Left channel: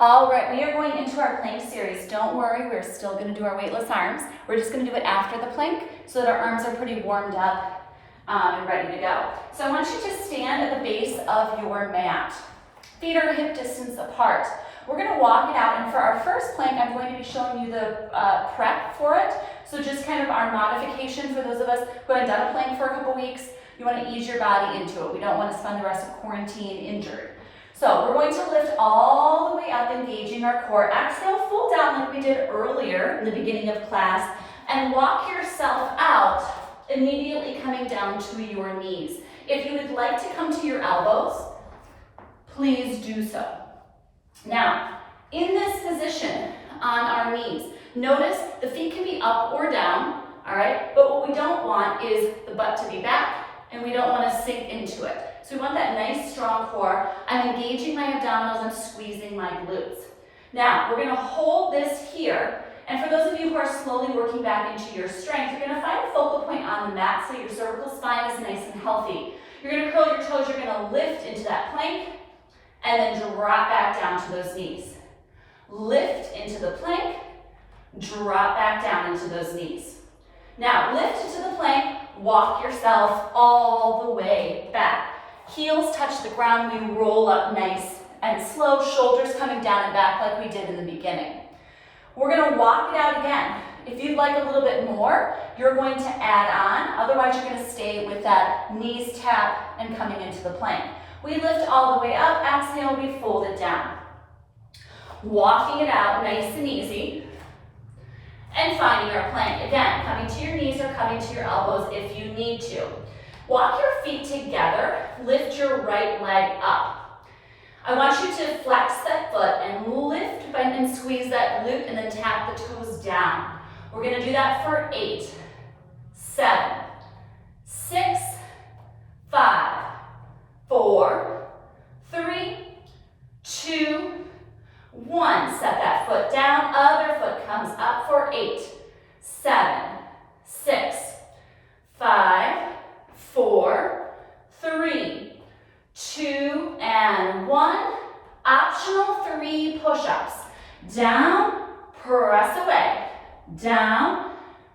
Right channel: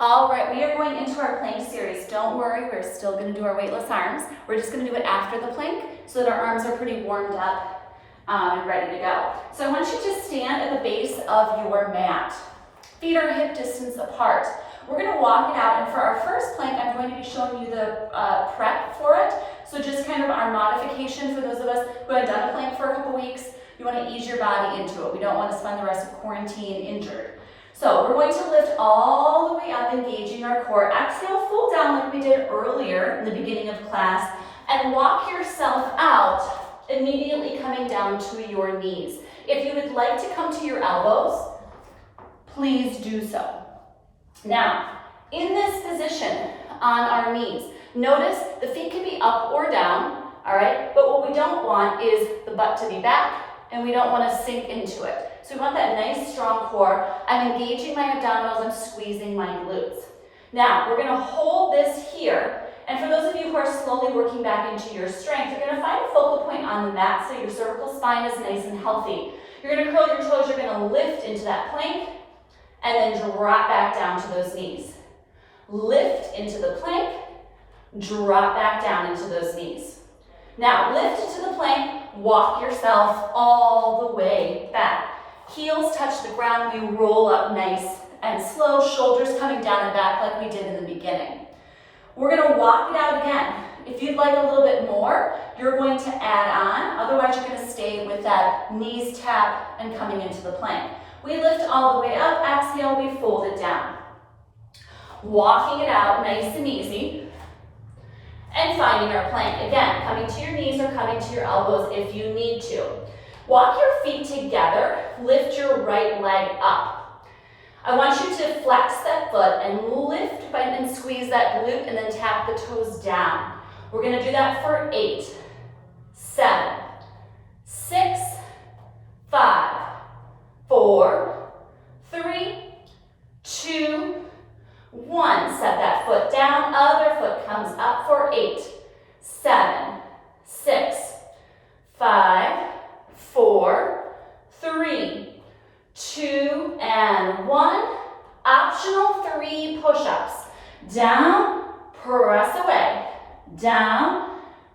All right, we are going into our plank series. Don't worry, we're still going to do our weightless arms. We're just going to do it after the plank so that our arms are pretty warmed up and ready to go. So I want you to stand at the base of your mat. Feet are hip distance apart. We're going to walk it out, and for our first plank, I'm going to be showing you the prep for it. So just kind of our modification for those of us who haven't done a plank for a couple weeks. You want to ease your body into it. We don't want to spend the rest of quarantine injured. So we're going to lift all the way up, engaging our core. Exhale, full down like we did earlier in the beginning of class, and walk yourself out, immediately coming down to your knees. If you would like to come to your elbows, please do so. Now, in this position on our knees, notice the feet can be up or down, all right? But what we don't want is the butt to be back, and we don't want to sink into it. So we want that nice, strong core. I'm engaging my abdominals, I'm squeezing my glutes. Now, we're gonna hold this here, and for those of you who are slowly working back into your strength, you're gonna find a focal point on the mat so your cervical spine is nice and healthy. You're gonna curl your toes, you're gonna lift into that plank, and then drop back down to those knees. Lift into the plank, drop back down into those knees. Now, lift into the plank, walk yourself all the way back. Heels touch the ground, we roll up nice and slow, shoulders coming down and back like we did in the beginning. We're gonna walk it out again. If you'd like a little bit more, you're going to add on, otherwise you're gonna stay with that knees tap and coming into the plank. We lift all the way up, exhale, we fold it down. Walking it out nice and easy, and finding our plank. Again, coming to your knees or coming to your elbows if you need to. Walk your feet together, lift your right leg up. I want you to flex that foot and lift and squeeze that glute and then tap the toes down. We're gonna do that for 8, 7, 6, 5, 4, 3, 2, 1. Set that foot down, other foot comes up for 8, 7, 6, 5, 4, 3, 2, and 1. Optional 3 push-ups. Down, press away, down,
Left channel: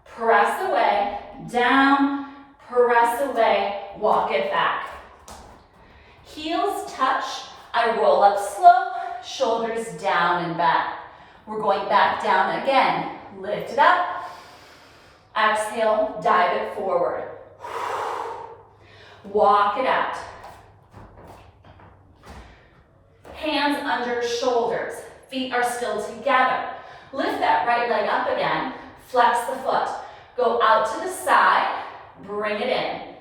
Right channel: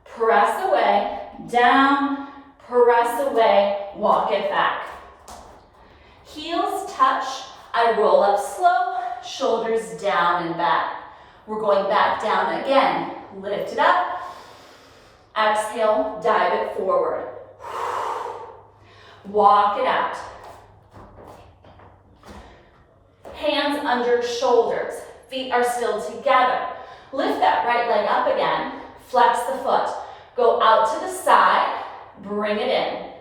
press away, down, press away, walk it back. Heels touch, I roll up slow, shoulders down and back. We're going back down again. Lift it up, exhale, dive it forward. Walk it out. Hands under shoulders. Feet are still together. Lift that right leg up again. Flex the foot. Go out to the side. Bring it in.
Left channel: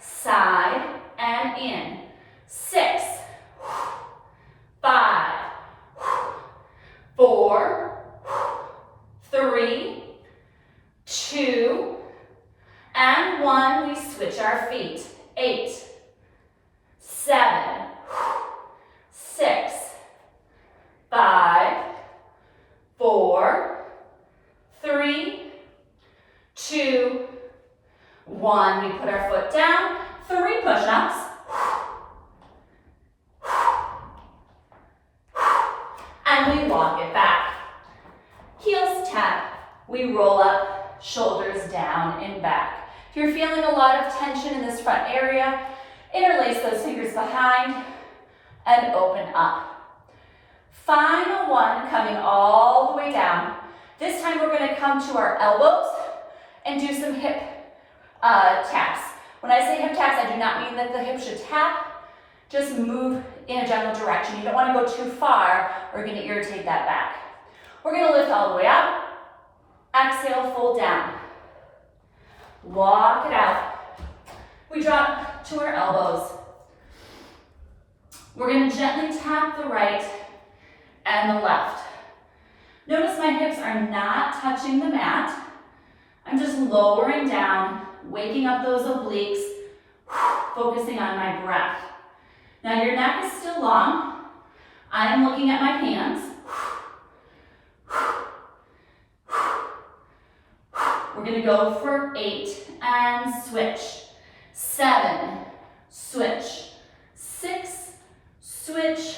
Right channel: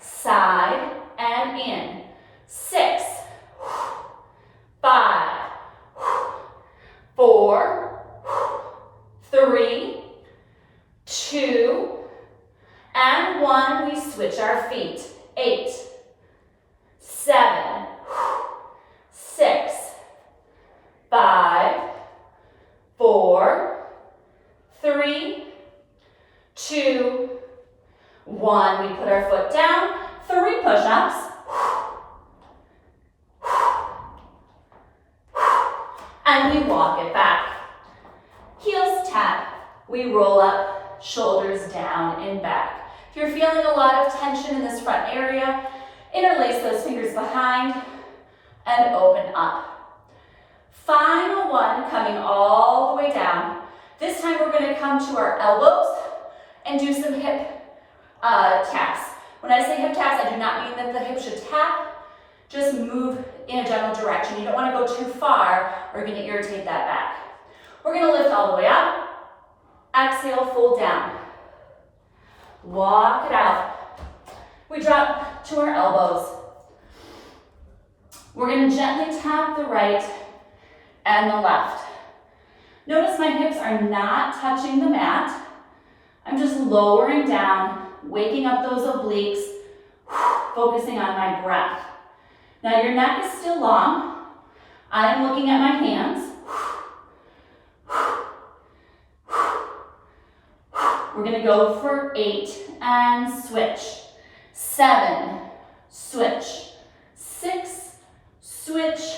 Side and in. 6, 5, 4, 3, 2, and 1. We switch our feet. 8, 7, 6, 5, 4, 3, 2, 1. We put our foot down. 3 push-ups. And we walk it back. Heels tap. We roll up, shoulders down and back. If you're feeling a lot of tension in this front area, interlace those fingers behind and open up. Final one, coming all the way down. This time we're going to come to our elbows and do some hip taps. When I say hip taps, I do not mean that the hip should tap. Just move in a general direction. You don't want to go too far or you're going to irritate that back. We're going to lift all the way up. Exhale, fold down. Walk it out. We drop to our elbows. We're going to gently tap the right and the left. Notice my hips are not touching the mat. I'm just lowering down, waking up those obliques, focusing on my breath. Now your neck is still long. I am looking at my hands. We're going to go for 8 and switch. 7, switch. 6, switch.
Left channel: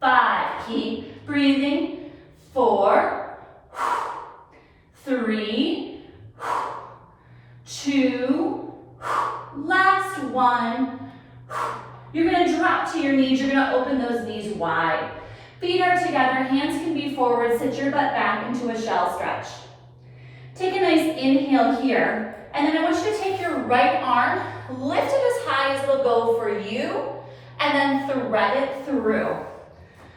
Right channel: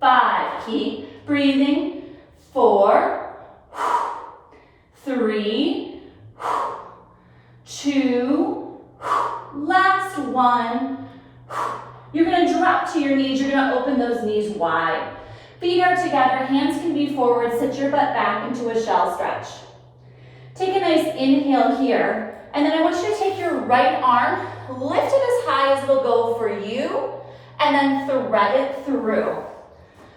5, Keep breathing. 4, 3, 2, last 1. You're going to drop to your knees. You're going to open those knees wide. Feet are together. Hands can be forward. Sit your butt back into a shell stretch. Take a nice inhale here. And then I want you to take your right arm, lift it as high as it'll go for you, and then thread it through.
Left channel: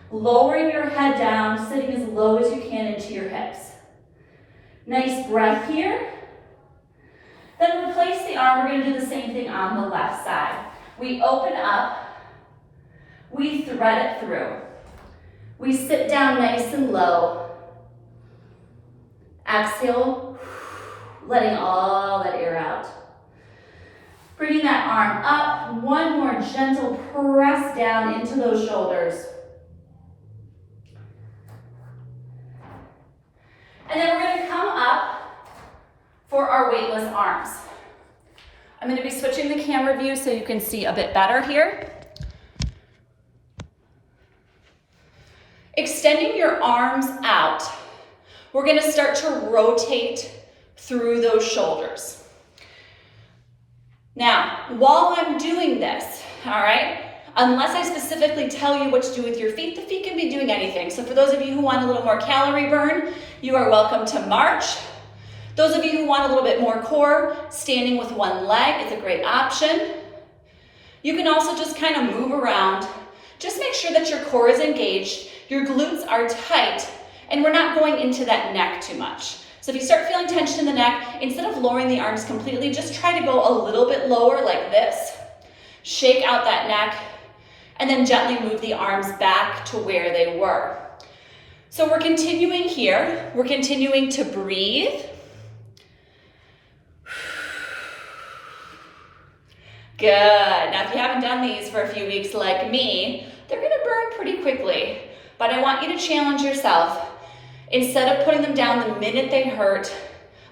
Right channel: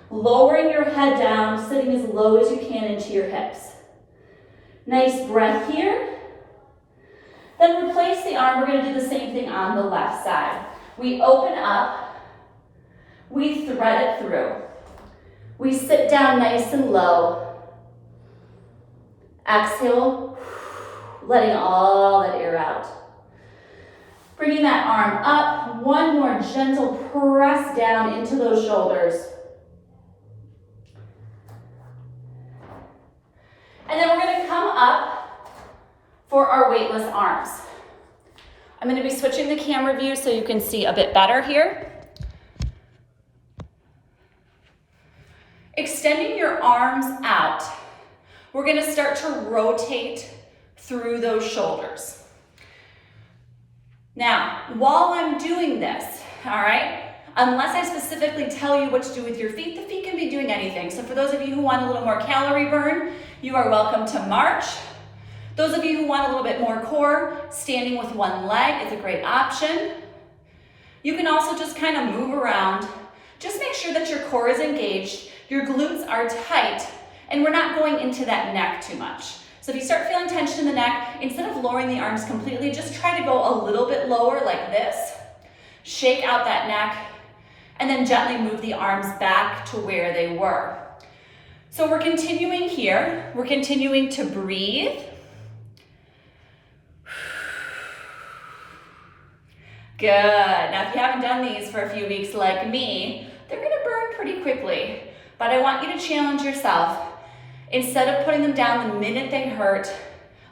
Lowering your head down, sitting as low as you can into your hips. Nice breath here. Then replace the arm. We're going to do the same thing on the left side. We open up. We thread it through. We sit down nice and low. Exhale, letting all that air out. Bringing that arm up. One more gentle press down into those shoulders. And then we're going to come up for our weightless arms. I'm going to be switching the camera view so you can see a bit better here. Extending your arms out, we're going to start to rotate through those shoulders. Now, while I'm doing this, all right, unless I specifically tell you what to do with your feet, the feet can be doing anything. So for those of you who want a little more calorie burn, you are welcome to march. Those of you who want a little bit more core, standing with one leg is a great option. You can also just kind of move around. Just make sure that your core is engaged, your glutes are tight, and we're not going into that neck too much. So if you start feeling tension in the neck, instead of lowering the arms completely, just try to go a little bit lower like this. Shake out that neck, and then gently move the arms back to where they were. So we're continuing here. We're continuing to breathe. Good. Now, if you haven't done these for a few weeks like me, they're going to burn pretty quickly. But I want you to challenge yourself. Instead of putting them down the minute they hurt,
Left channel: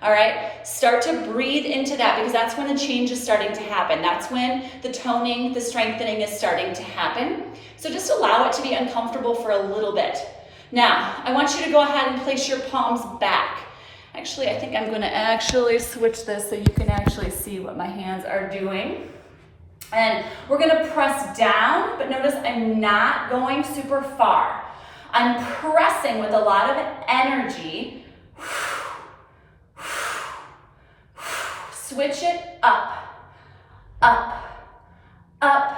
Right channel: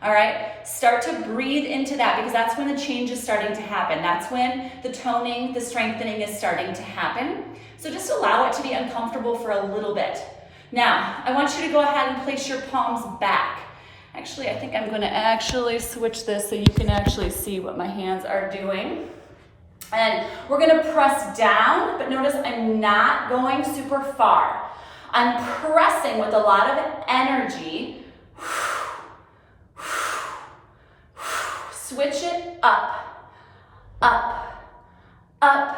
all right, start to breathe into that because that's when the change is starting to happen. That's when the toning, the strengthening is starting to happen. So just allow it to be uncomfortable for a little bit. Now, I want you to go ahead and place your palms back. Actually, I think I'm going to actually switch this so you can actually see what my hands are doing. And we're going to press down, but notice I'm not going super far. I'm pressing with a lot of energy. Switch it up, up, up,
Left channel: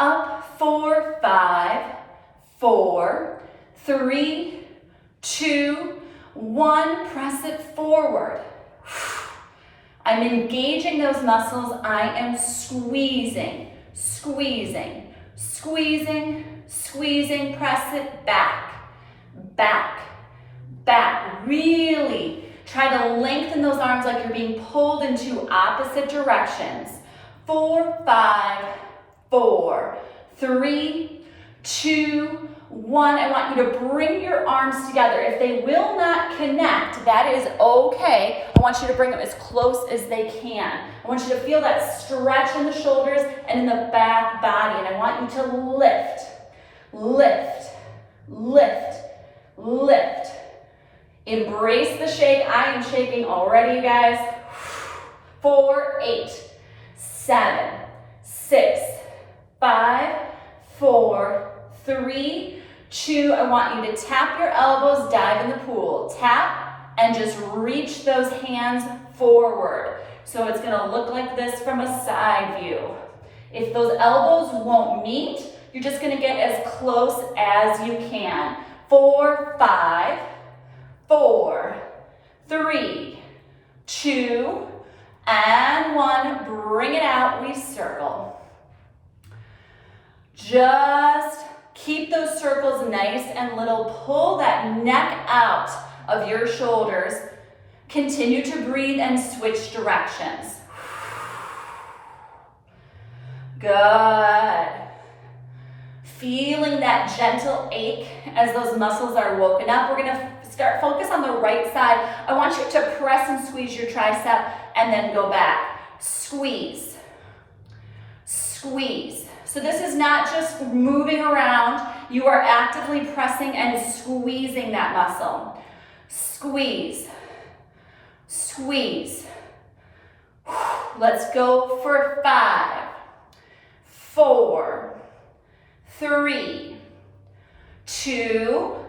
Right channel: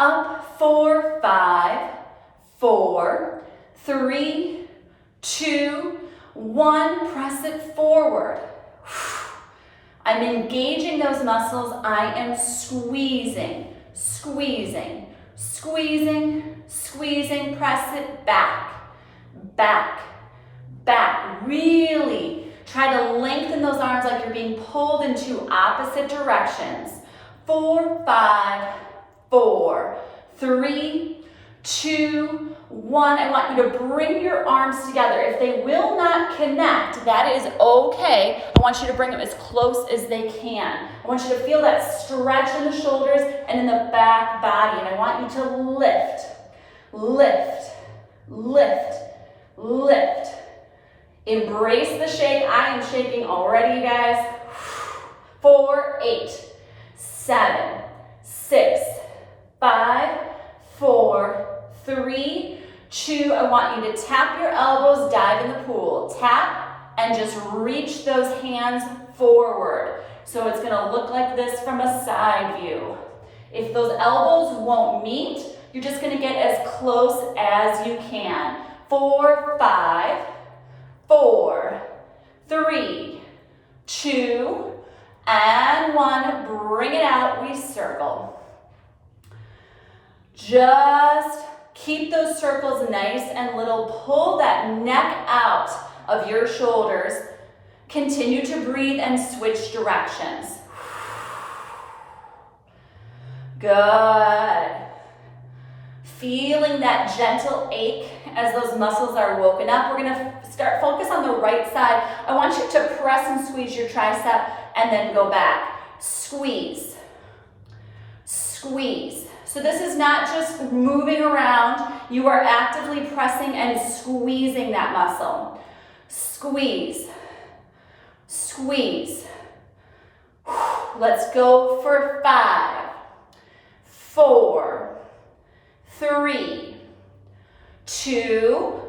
up. 4, 5, 4, 3, 2, 1. Press it forward. I'm engaging those muscles. I am squeezing, squeezing, squeezing, squeezing. Press it back, back, back. Really try to lengthen those arms like you're being pulled in two opposite directions. 4, 5, 4, 3, 2, 1. I want you to bring your arms together. If they will not connect, that is okay. I want you to bring them as close as they can. I want you to feel that stretch in the shoulders and in the back body. And I want you to lift, lift, lift, lift. Embrace the shake. I am shaking already, you guys. 4, 8, 7, 6, 5, 4, 3, 2. I want you to tap your elbows, dive in the pool. Tap and just reach those hands forward. So it's gonna look like this from a side view. If those elbows won't meet, you're just gonna get as close as you can. 4, 5, 4, 3, 2, and 1. Bring it out, we circle. Just keep those circles nice and little. Pull that neck out of your shoulders. Continue to breathe and switch directions. Good. Feeling that gentle ache as those muscles are woken up. We're gonna focus on the right side. I want you to press and squeeze your tricep and then go back. Squeeze, squeeze. So this is not just moving around. You are actively pressing and squeezing that muscle. Squeeze, squeeze. Let's go for 5, 4, 3, 2,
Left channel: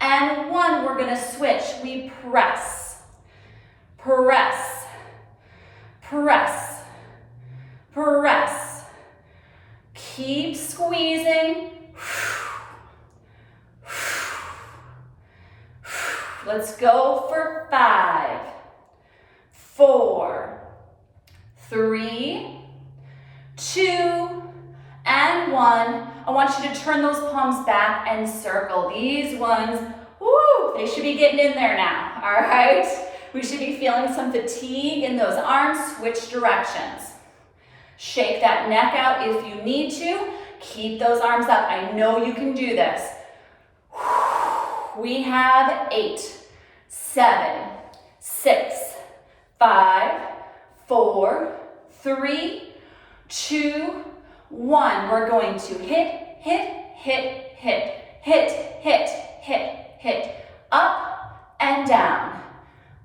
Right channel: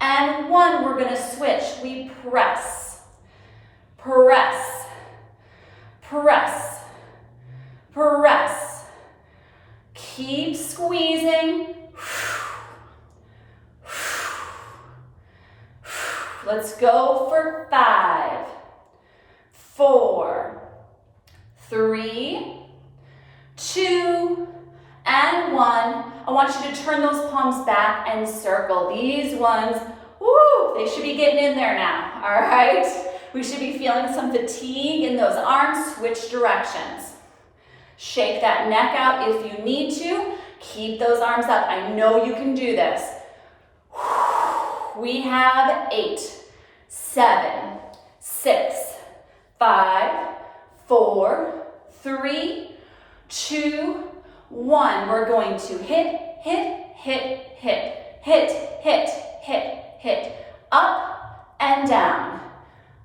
and 1. We're gonna switch. We press, press, press, press. Keep squeezing. Let's go for 5, 4, 3, 2, and 1. I want you to turn those palms back and circle. These ones, woo, they should be getting in there now, all right? We should be feeling some fatigue in those arms. Switch directions. Shake that neck out if you need to. Keep those arms up. I know you can do this. We have 8, 7, 6, 5, 4, 3, 2, 1. We're going to hit, hit, hit, hit, hit, hit, hit, hit. Up and down.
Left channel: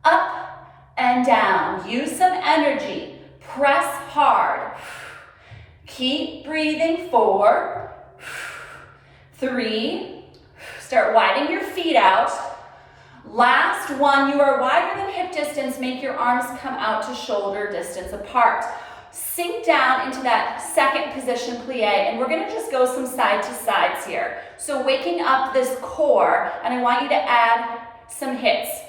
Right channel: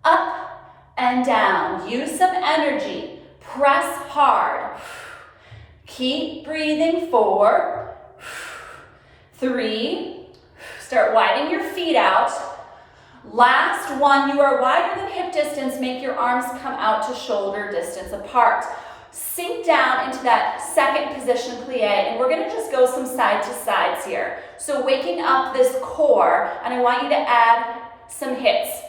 Up and down. Use some energy. Press hard. Keep breathing. 4, 3. Start widening your feet out. Last one. You are wider than hip distance. Make your arms come out to shoulder distance apart. Sink down into that second position plie, and we're gonna just go some side to sides here. So waking up this core, and I want you to add some hits.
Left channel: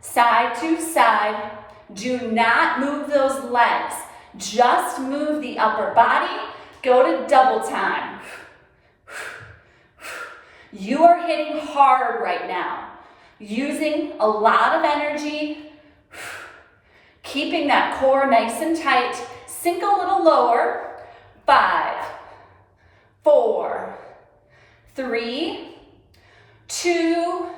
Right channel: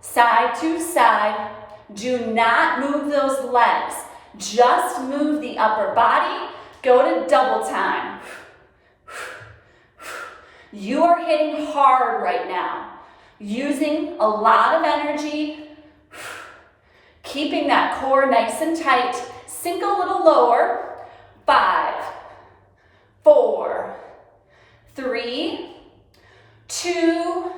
Side to side. Do not move those legs. Just move the upper body. Go to double time. You are hitting hard right now. Using a lot of energy. Keeping that core nice and tight. Sink a little lower. 5, 4, 3, 2.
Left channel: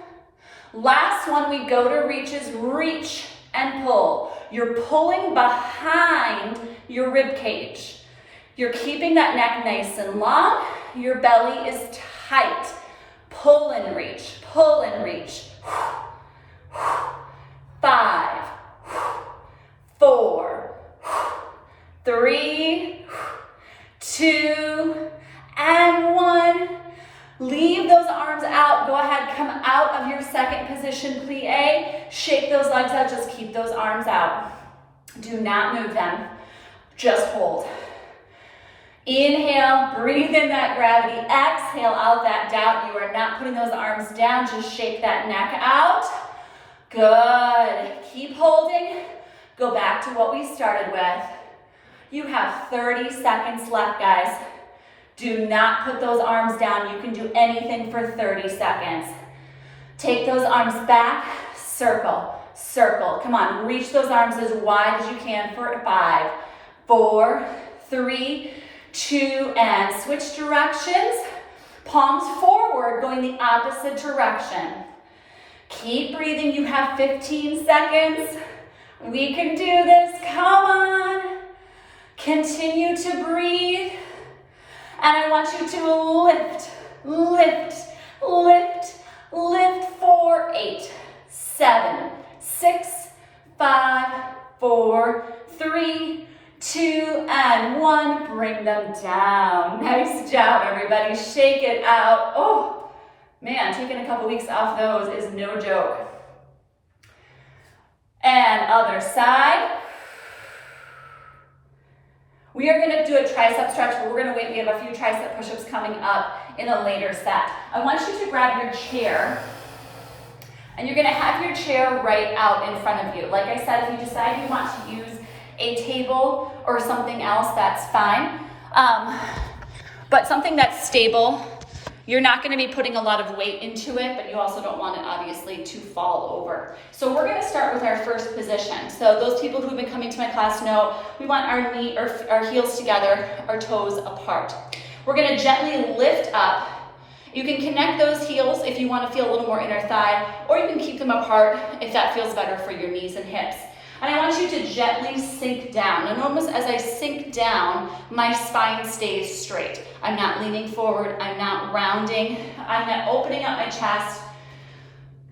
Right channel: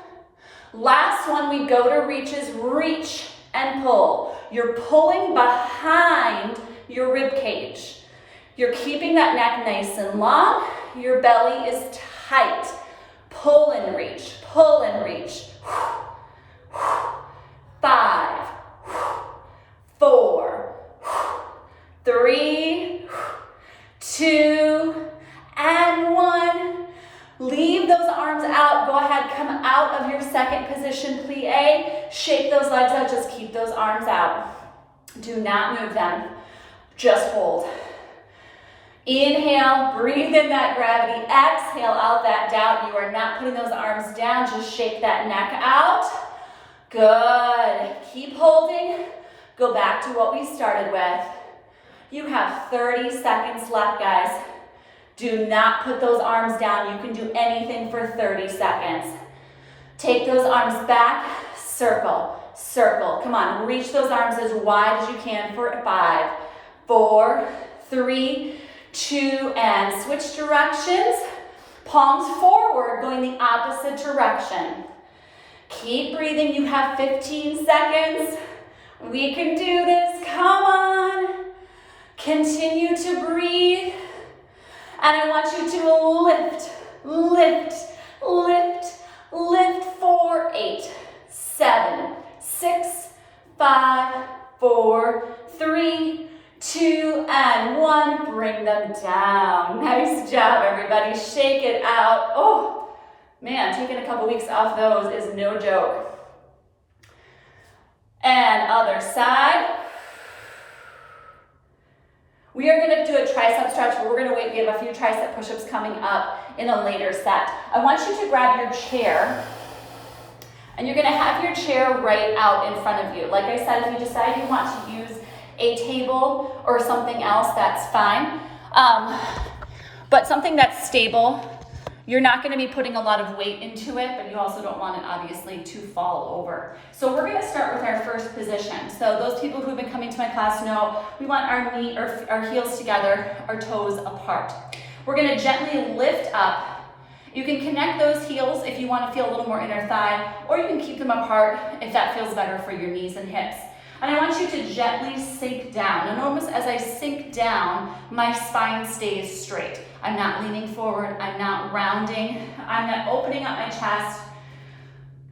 Last one, we go to reaches. Reach and pull. You're pulling behind your rib cage. You're keeping that neck nice and long. Your belly is tight. Pull and reach. Pull and reach. 5, 4, 3, 2, and 1. Leave those arms out. Go ahead, come out of your second position plie. Shake those legs out. Just keep those arms out. Do not move them. Just hold. Inhale, breathe in that gravity. Exhale out that doubt. You are not putting those arms down. Just shake that neck out. Good. Keep holding. Go back to what we started with. You have 30 seconds left, guys. Do not put those arms down. You can do anything for 30 seconds. Take those arms back. Circle, circle. Come on, reach those arms as wide as you can for 5, 4, 3, 2, and switch directions. Palms forward, going the opposite direction. Keep breathing. You have 15 seconds. We can do this. Come on. Continue to breathe. And I want you to lift, lift, lift, lift for 8, 7, 6, 5, 4, 3, 2, and 1. Bring them down. Nice job, everybody. Shake it out. Oh, man, taking a couple weeks off those is no joke. And other side. We are going to do a tricep stretch. We're going to wait. We have a few tricep push-ups coming up in a later set. I want you to grab your chair, and you're going to have your chair right out in front of you. Like I said, if you decide you want to use a table or something else, that's fine. But something that's stable. You're not going to be putting a lot of weight into it, but you also don't want it obviously to fall over. So we're going to start with our first position. So those people who have been coming to my class know we want our heels together, our toes apart. We're going to gently lift up. You can connect those heels if you want to feel a little more inner thigh, or you can keep them apart if that feels better for your knees and hips. And I want you to gently sink down. And almost as I sink down, my spine stays straight. I'm not leaning forward, I'm not rounding, I'm not opening up my chest,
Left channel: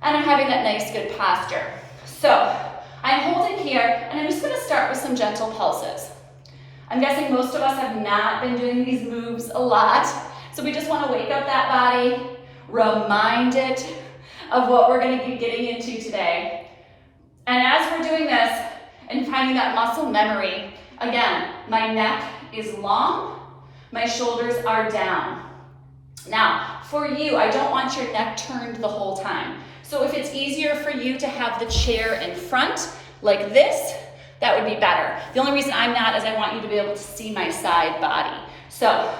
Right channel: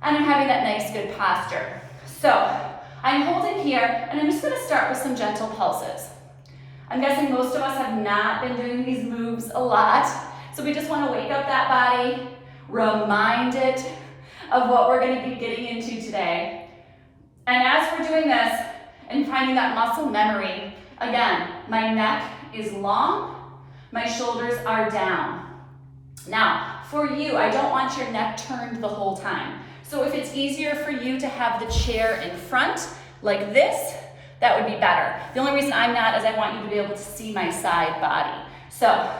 and I'm having that nice good posture. So I'm holding here, and I'm just gonna start with some gentle pulses. I'm guessing most of us have not been doing these moves a lot, so we just wanna wake up that body, remind it of what we're gonna be getting into today. And as we're doing this and finding that muscle memory, again, my neck is long, my shoulders are down. Now, for you, I don't want your neck turned the whole time. So if it's easier for you to have the chair in front, like this, that would be better. The only reason I'm not is I want you to be able to see my side body. So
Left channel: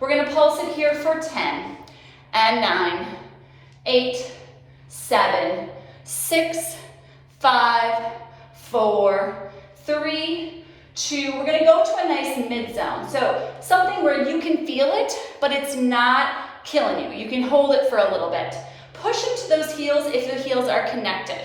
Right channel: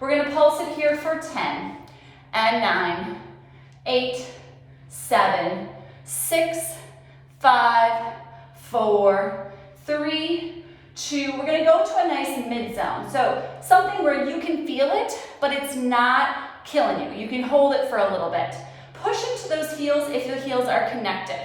we're gonna pulse it here for 10 and 9, 8, 7, 6, 5, 4, 3, 2. We're gonna go to a nice mid-zone. So something where you can feel it, but it's not killing you. You can hold it for a little bit. Push into those heels if your heels are connected.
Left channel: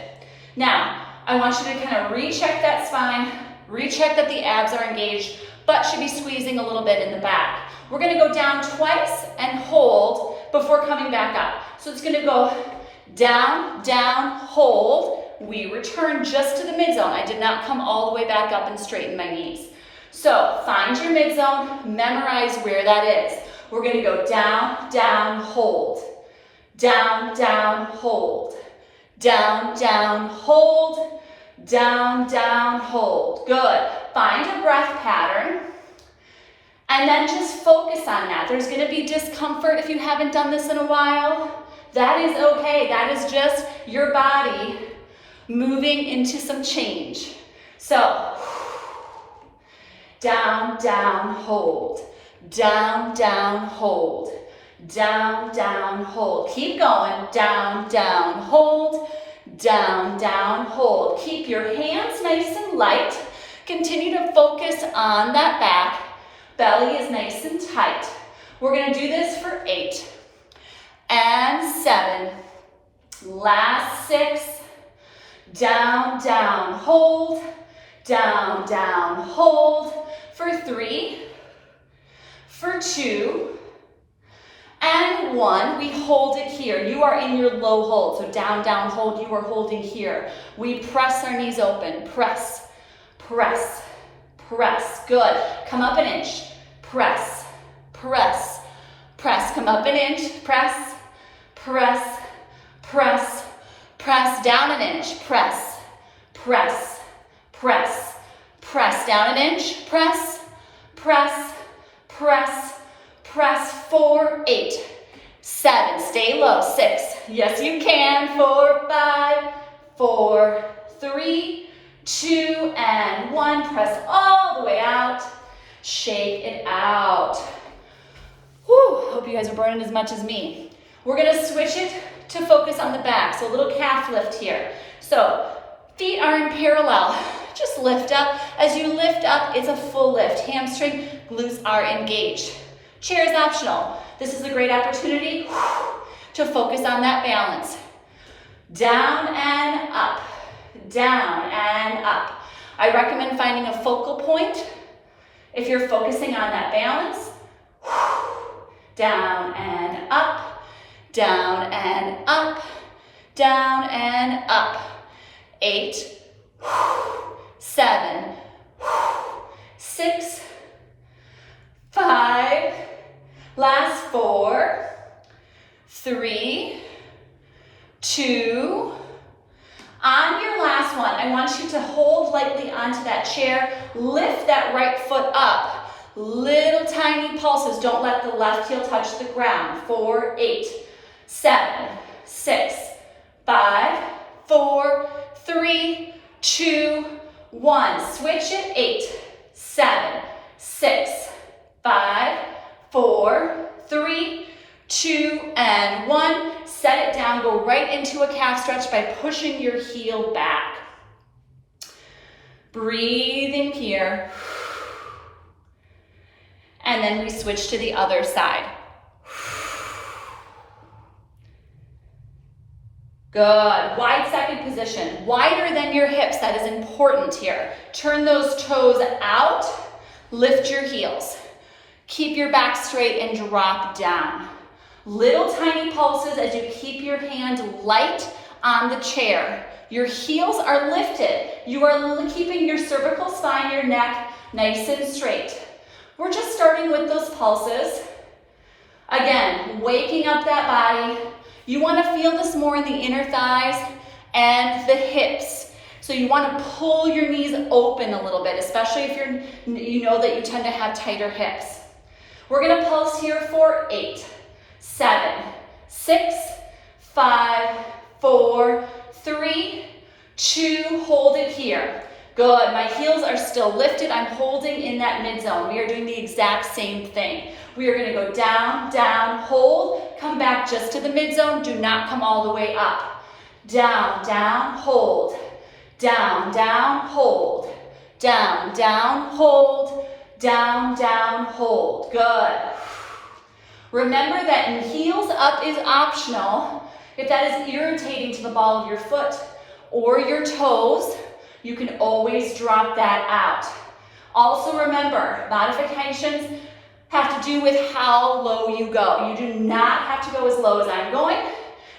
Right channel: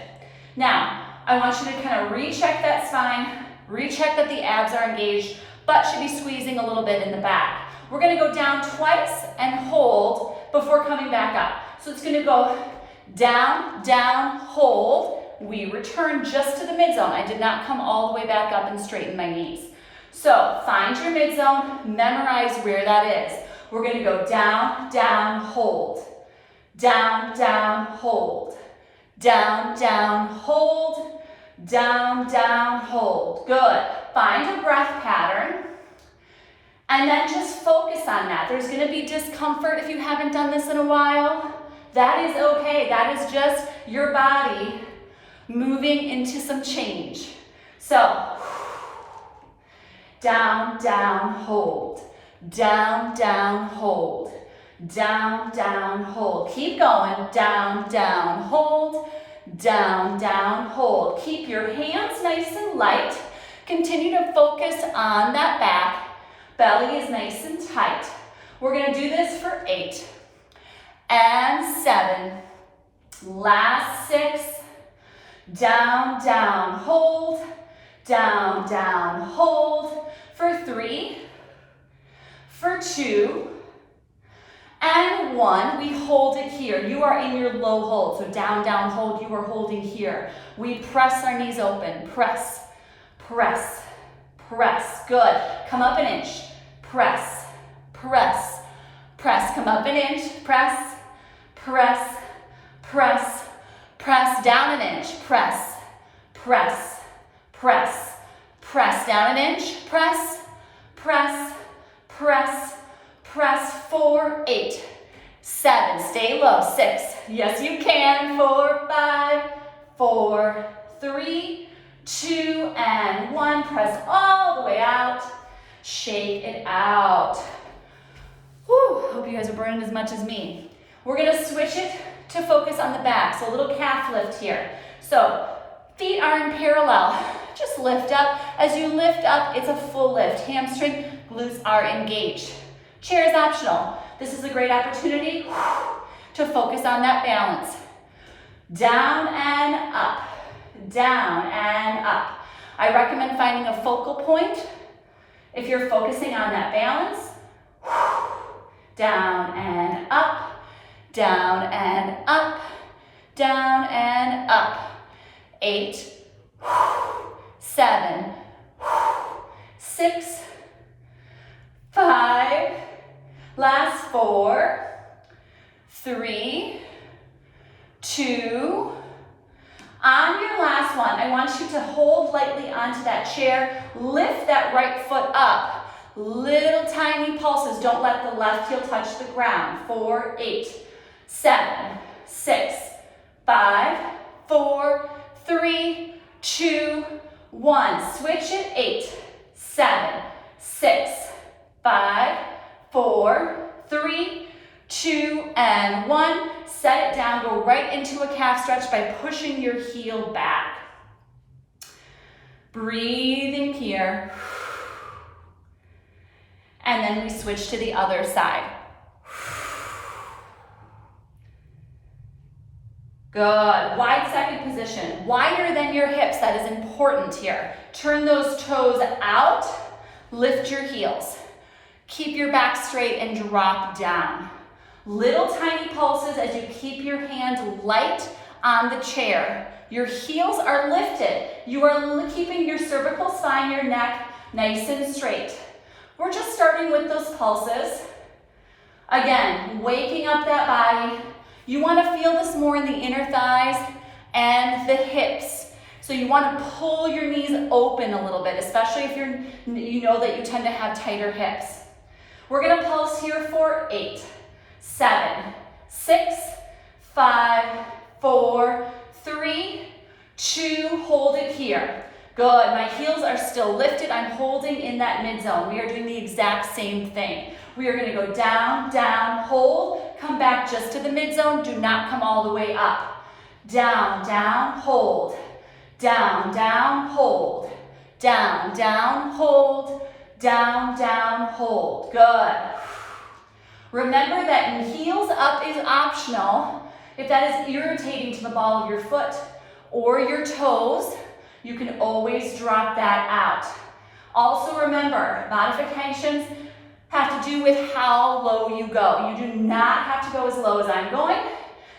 Now, I want you to kind of recheck that spine, recheck that the abs are engaged, butt should be squeezing a little bit in the back. We're gonna go down twice and hold before coming back up. So it's gonna go down, down, hold. We return just to the mid-zone. I did not come all the way back up and straighten my knees. So find your mid-zone, memorize where that is. We're gonna go down, down, hold. Down, down, hold. Down, down, hold. Down, down, hold. Good. Find a breath pattern. And then just focus on that. There's gonna be discomfort if you haven't done this in a while. That is okay. That is just your body moving into some change. So, down, down, hold. Down, down, hold. Down, down, hold. Keep going. Down, down, hold. Down, down, hold. Keep your hands nice and light. Continue to focus on that back. Belly is nice and tight. We're gonna do this for 8 and 7. Last 6. Down, down, hold. Down, down, hold. For 3, for 2, and 1. We hold it here. You are in your low hold. So down, down, hold. You are holding here. We press our knees open. Press, press, press. Good. Come up an inch. Press, press, press. Come up an inch. Press, press, press. Press down an inch, press, press, press, press down an inch, press, press, press, press. 4, 8, 7, stay low, 6, yes you can, 4, 5, 4, 3, 2, and 1, press all the way out, shake it out. Whew, hope you guys are burning as much as me. We're gonna switch it to focus on the back, so a little calf lift here. So feet are in parallel, just lift up. As you lift up, it's a full lift. Hamstring, glutes are engaged. Chair is optional. This is a great opportunity to focus on that balance. Down and up, down and up. I recommend finding a focal point if you're focusing on that balance. Down and up. Down and up, down and up. 8, 7, 6, 5, last 4, 3, 2. On your last one, I want you to hold lightly onto that chair, lift that right foot up. Little tiny pulses, don't let the left heel touch the ground. 4, 8, 7, 6, 5, 4, 3, 2, 1. Switch it. 8, 7, 6, 5, 4, 3, 2, and 1. Set it down. Go right into a calf stretch by pushing your heel back. Breathing here. And then we switch to the other side. Good. Wide second position. Wider than your hips. That is important here. Turn those toes out. Lift your heels. Keep your back straight and drop down. Little tiny pulses as you keep your hand light on the chair. Your heels are lifted. You are keeping your cervical spine, your neck nice and straight. We're just starting with those pulses. Again, waking up that body. You want to feel this more in the inner thighs and the hips. So you want to pull your knees open a little bit, especially if you know that you tend to have tighter hips. We're going to pulse here for 8, 7, 6, 5, 4, 3, 2, hold it here. Good, my heels are still lifted. I'm holding in that mid zone. We are doing the exact same thing. We are gonna go down, down, hold, come back just to the mid zone. Do not come all the way up. Down, down, hold. Down, down, hold. Down, down, hold. Down, down, hold. Good. Remember that heels up is optional. If that is irritating to the ball of your foot or your toes, you can always drop that out. Also remember, modifications have to do with how low you go. You do not have to go as low as I'm going.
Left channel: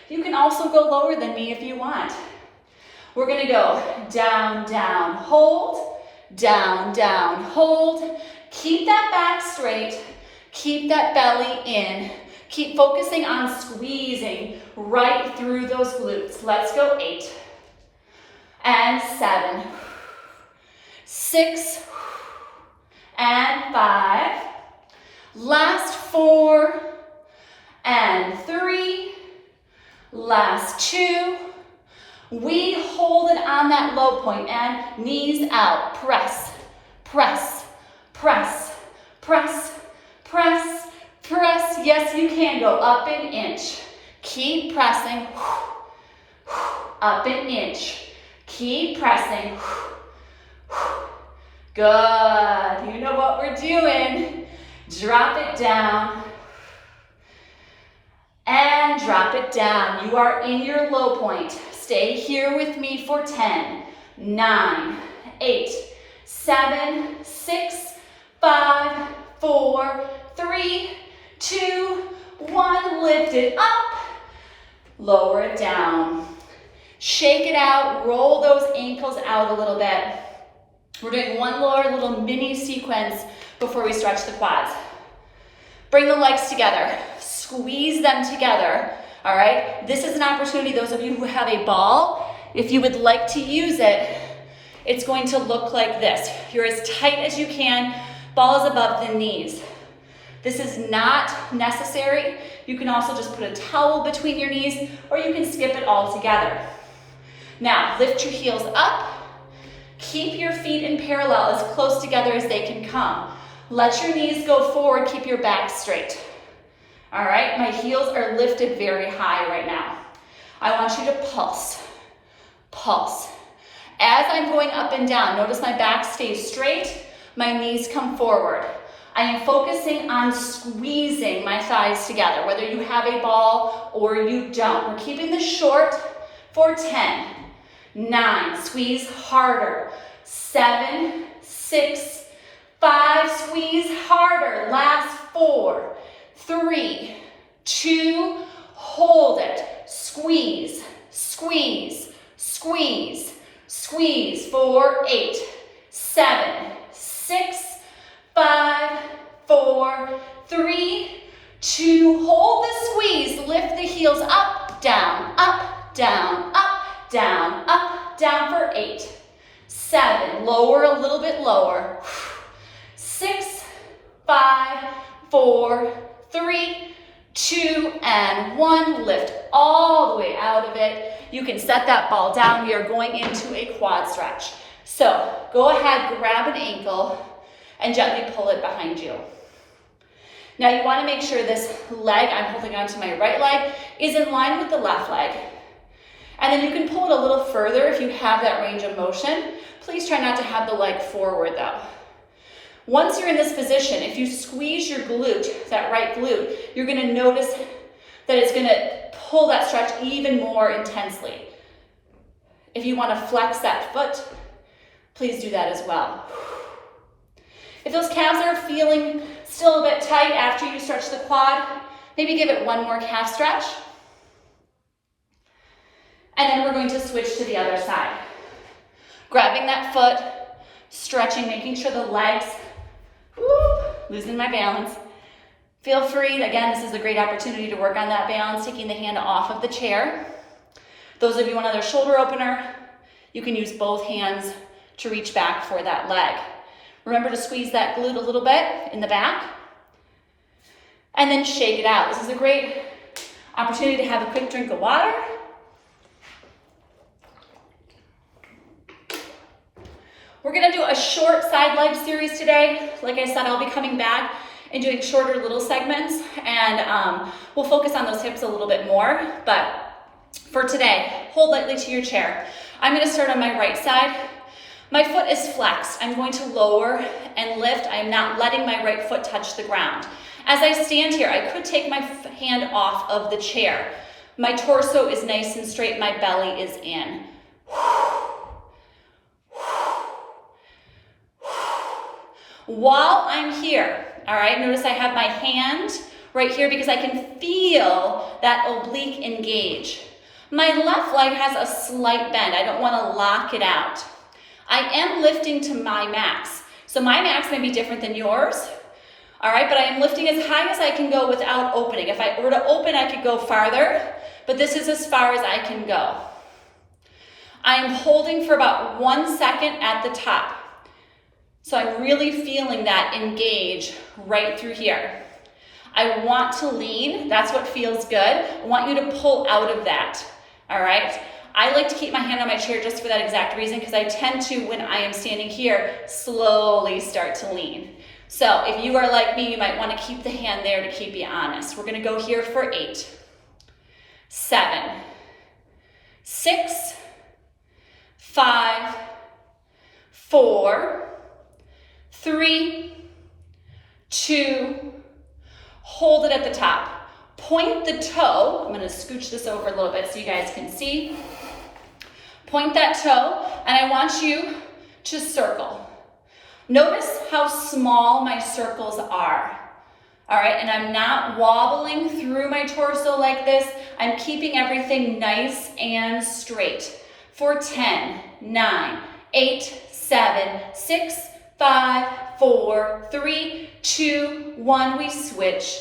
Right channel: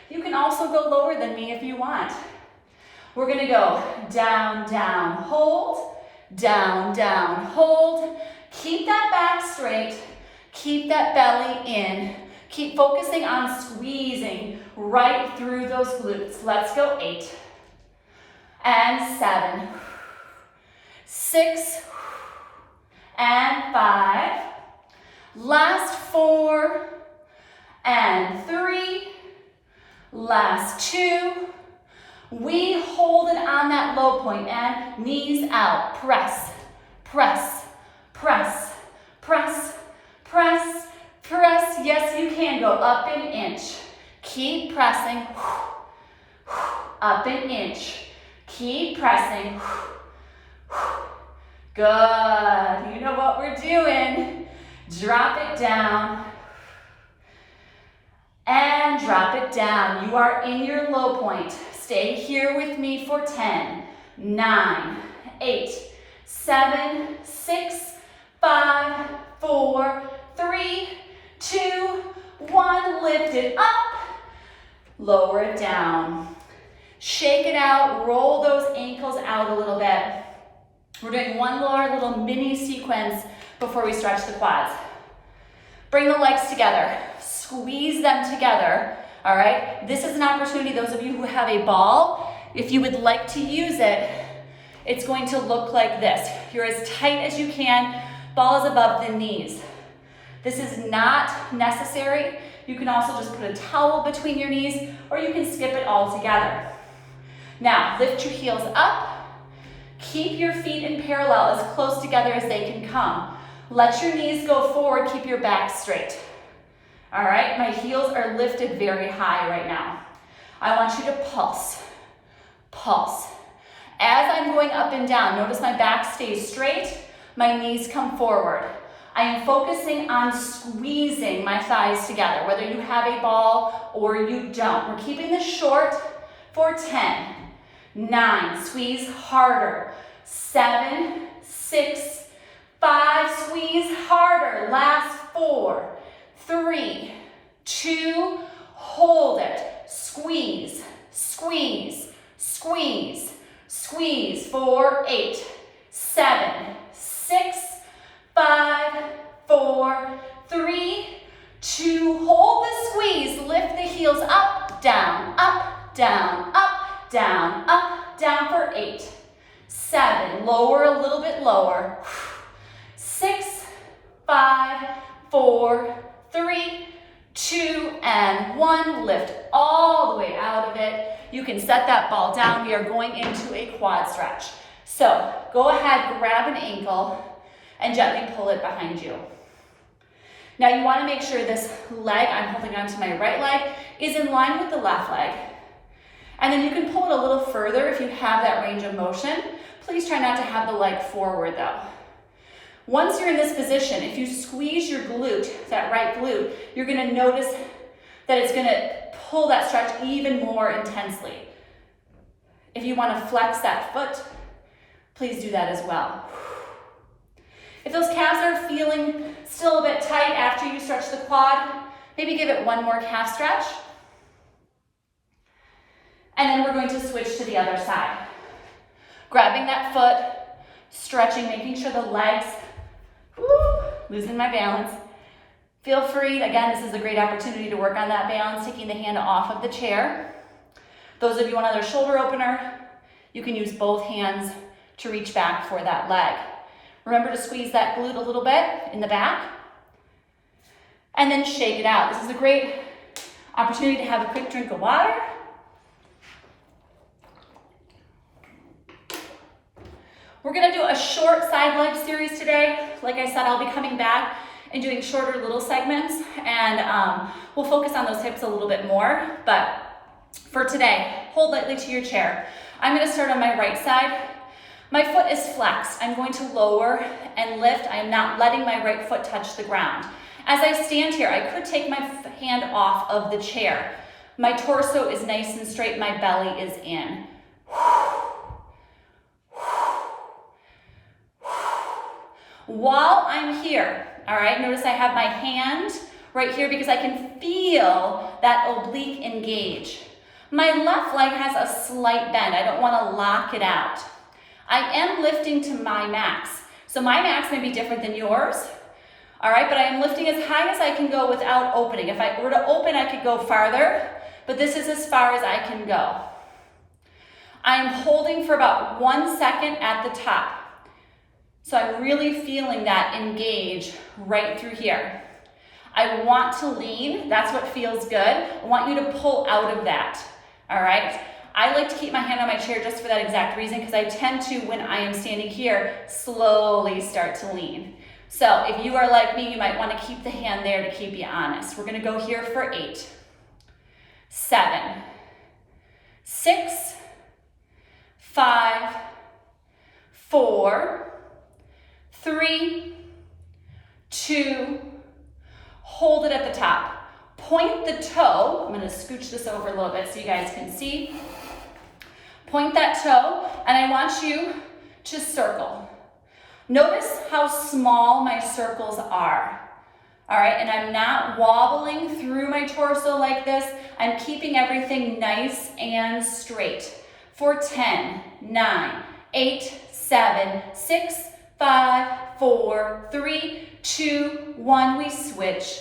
You can also go lower than me if you want. We're gonna go down, down, hold, down, down, hold. Keep that back straight, keep that belly in. Keep focusing on squeezing right through those glutes. Let's go 8 and 7, 6 and 5. Last 4 and 3. Last 2. We hold it on that low point and knees out. Press, press, press, press, press, press. Yes, you can go up an inch. Keep pressing. Up an inch. Keep pressing. Good. You know what we're doing. Drop it down. And drop it down. You are in your low point. Stay here with me for 10, 9, 8, 7, 6, 5, 4, 3, 2, 1. Lift it up. Lower it down. Shake it out. Roll those ankles out a little bit. We're doing one more little mini sequence before we stretch the quads. Bring the legs together. Squeeze them together. All right? This is an opportunity, those of you who have a ball, if you would like to use it, it's going to look like this. You're as tight as you can. Ball is above the knees. This is not necessary. You can also just put a towel between your knees, or you can skip it all together. Now, lift your heels up. Keep your feet in parallel as close together as they can come. Let your knees go forward. Keep your back straight. All right, my heels are lifted very high right now. I want you to pulse, pulse. As I'm going up and down, notice my back stays straight, my knees come forward. I am focusing on squeezing my thighs together, whether you have a ball or you don't. We're keeping this short for 10, 9, squeeze harder, 7, 6, 5, squeeze harder, last 4, 3, 2, hold it, squeeze, squeeze, squeeze, squeeze, 4, 8, 7, 6, 5, 4, 3, 2, hold the squeeze, lift the heels up, down, up, down, up, down, up, down for 8, 7, lower a little bit lower, 6, 5, 4, 3, 2, and 1. Lift all the way out of it. You can set that ball down. We are going into a quad stretch. So go ahead, grab an ankle and gently pull it behind you. Now you want to make sure this leg, I'm holding onto my right leg, is in line with the left leg. And then you can pull it a little further if you have that range of motion. Please try not to have the leg forward though. Once you're in this position, if you squeeze your glute, that right glute, you're going to notice that it's going to pull that stretch even more intensely. If you want to flex that foot, please do that as well. If those calves are feeling still a bit tight after you stretch the quad, maybe give it one more calf stretch. And then we're going to switch to the other side. Grabbing that foot, stretching, making sure the legs, losing my balance. Feel free, again, this is a great opportunity to work on that balance, taking the hand off of the chair. Those of you on another shoulder opener, you can use both hands to reach back for that leg. Remember to squeeze that glute a little bit in the back. And then shake it out. This is a great opportunity to have a quick drink of water. We're gonna do a short side leg series today. Like I said, I'll be coming back and doing shorter little segments, and we'll focus on those hips a little bit more. But for today, hold lightly to your chair. I'm gonna start on my right side. My foot is flexed. I'm going to lower and lift. I'm not letting my right foot touch the ground. As I stand here, I could take my hand off of the chair. My torso is nice and straight, my belly is in. While I'm here, all right, notice I have my hand right here because I can feel that oblique engage. My left leg has a slight bend. I don't want to lock it out. I am lifting to my max. So my max may be different than yours, all right, but I am lifting as high as I can go without opening. If I were to open, I could go farther, but this is as far as I can go. I am holding for about 1 second at the top. So I'm really feeling that engage right through here. I want to lean, that's what feels good. I want you to pull out of that, all right? I like to keep my hand on my chair just for that exact reason because I tend to, when I am standing here, slowly start to lean. So if you are like me, you might want to keep the hand there to keep you honest. We're gonna go here for 8, 7, 6, 5, 4, 3, 2, hold it at the top. Point the toe. I'm going to scooch this over a little bit so you guys can see. Point that toe, and I want you to circle. Notice how small my circles are. All right, and I'm not wobbling through my torso like this. I'm keeping everything nice and straight. For 10, 9, 8, 7, 6, 5, 4, 3, 2, 1, we switch.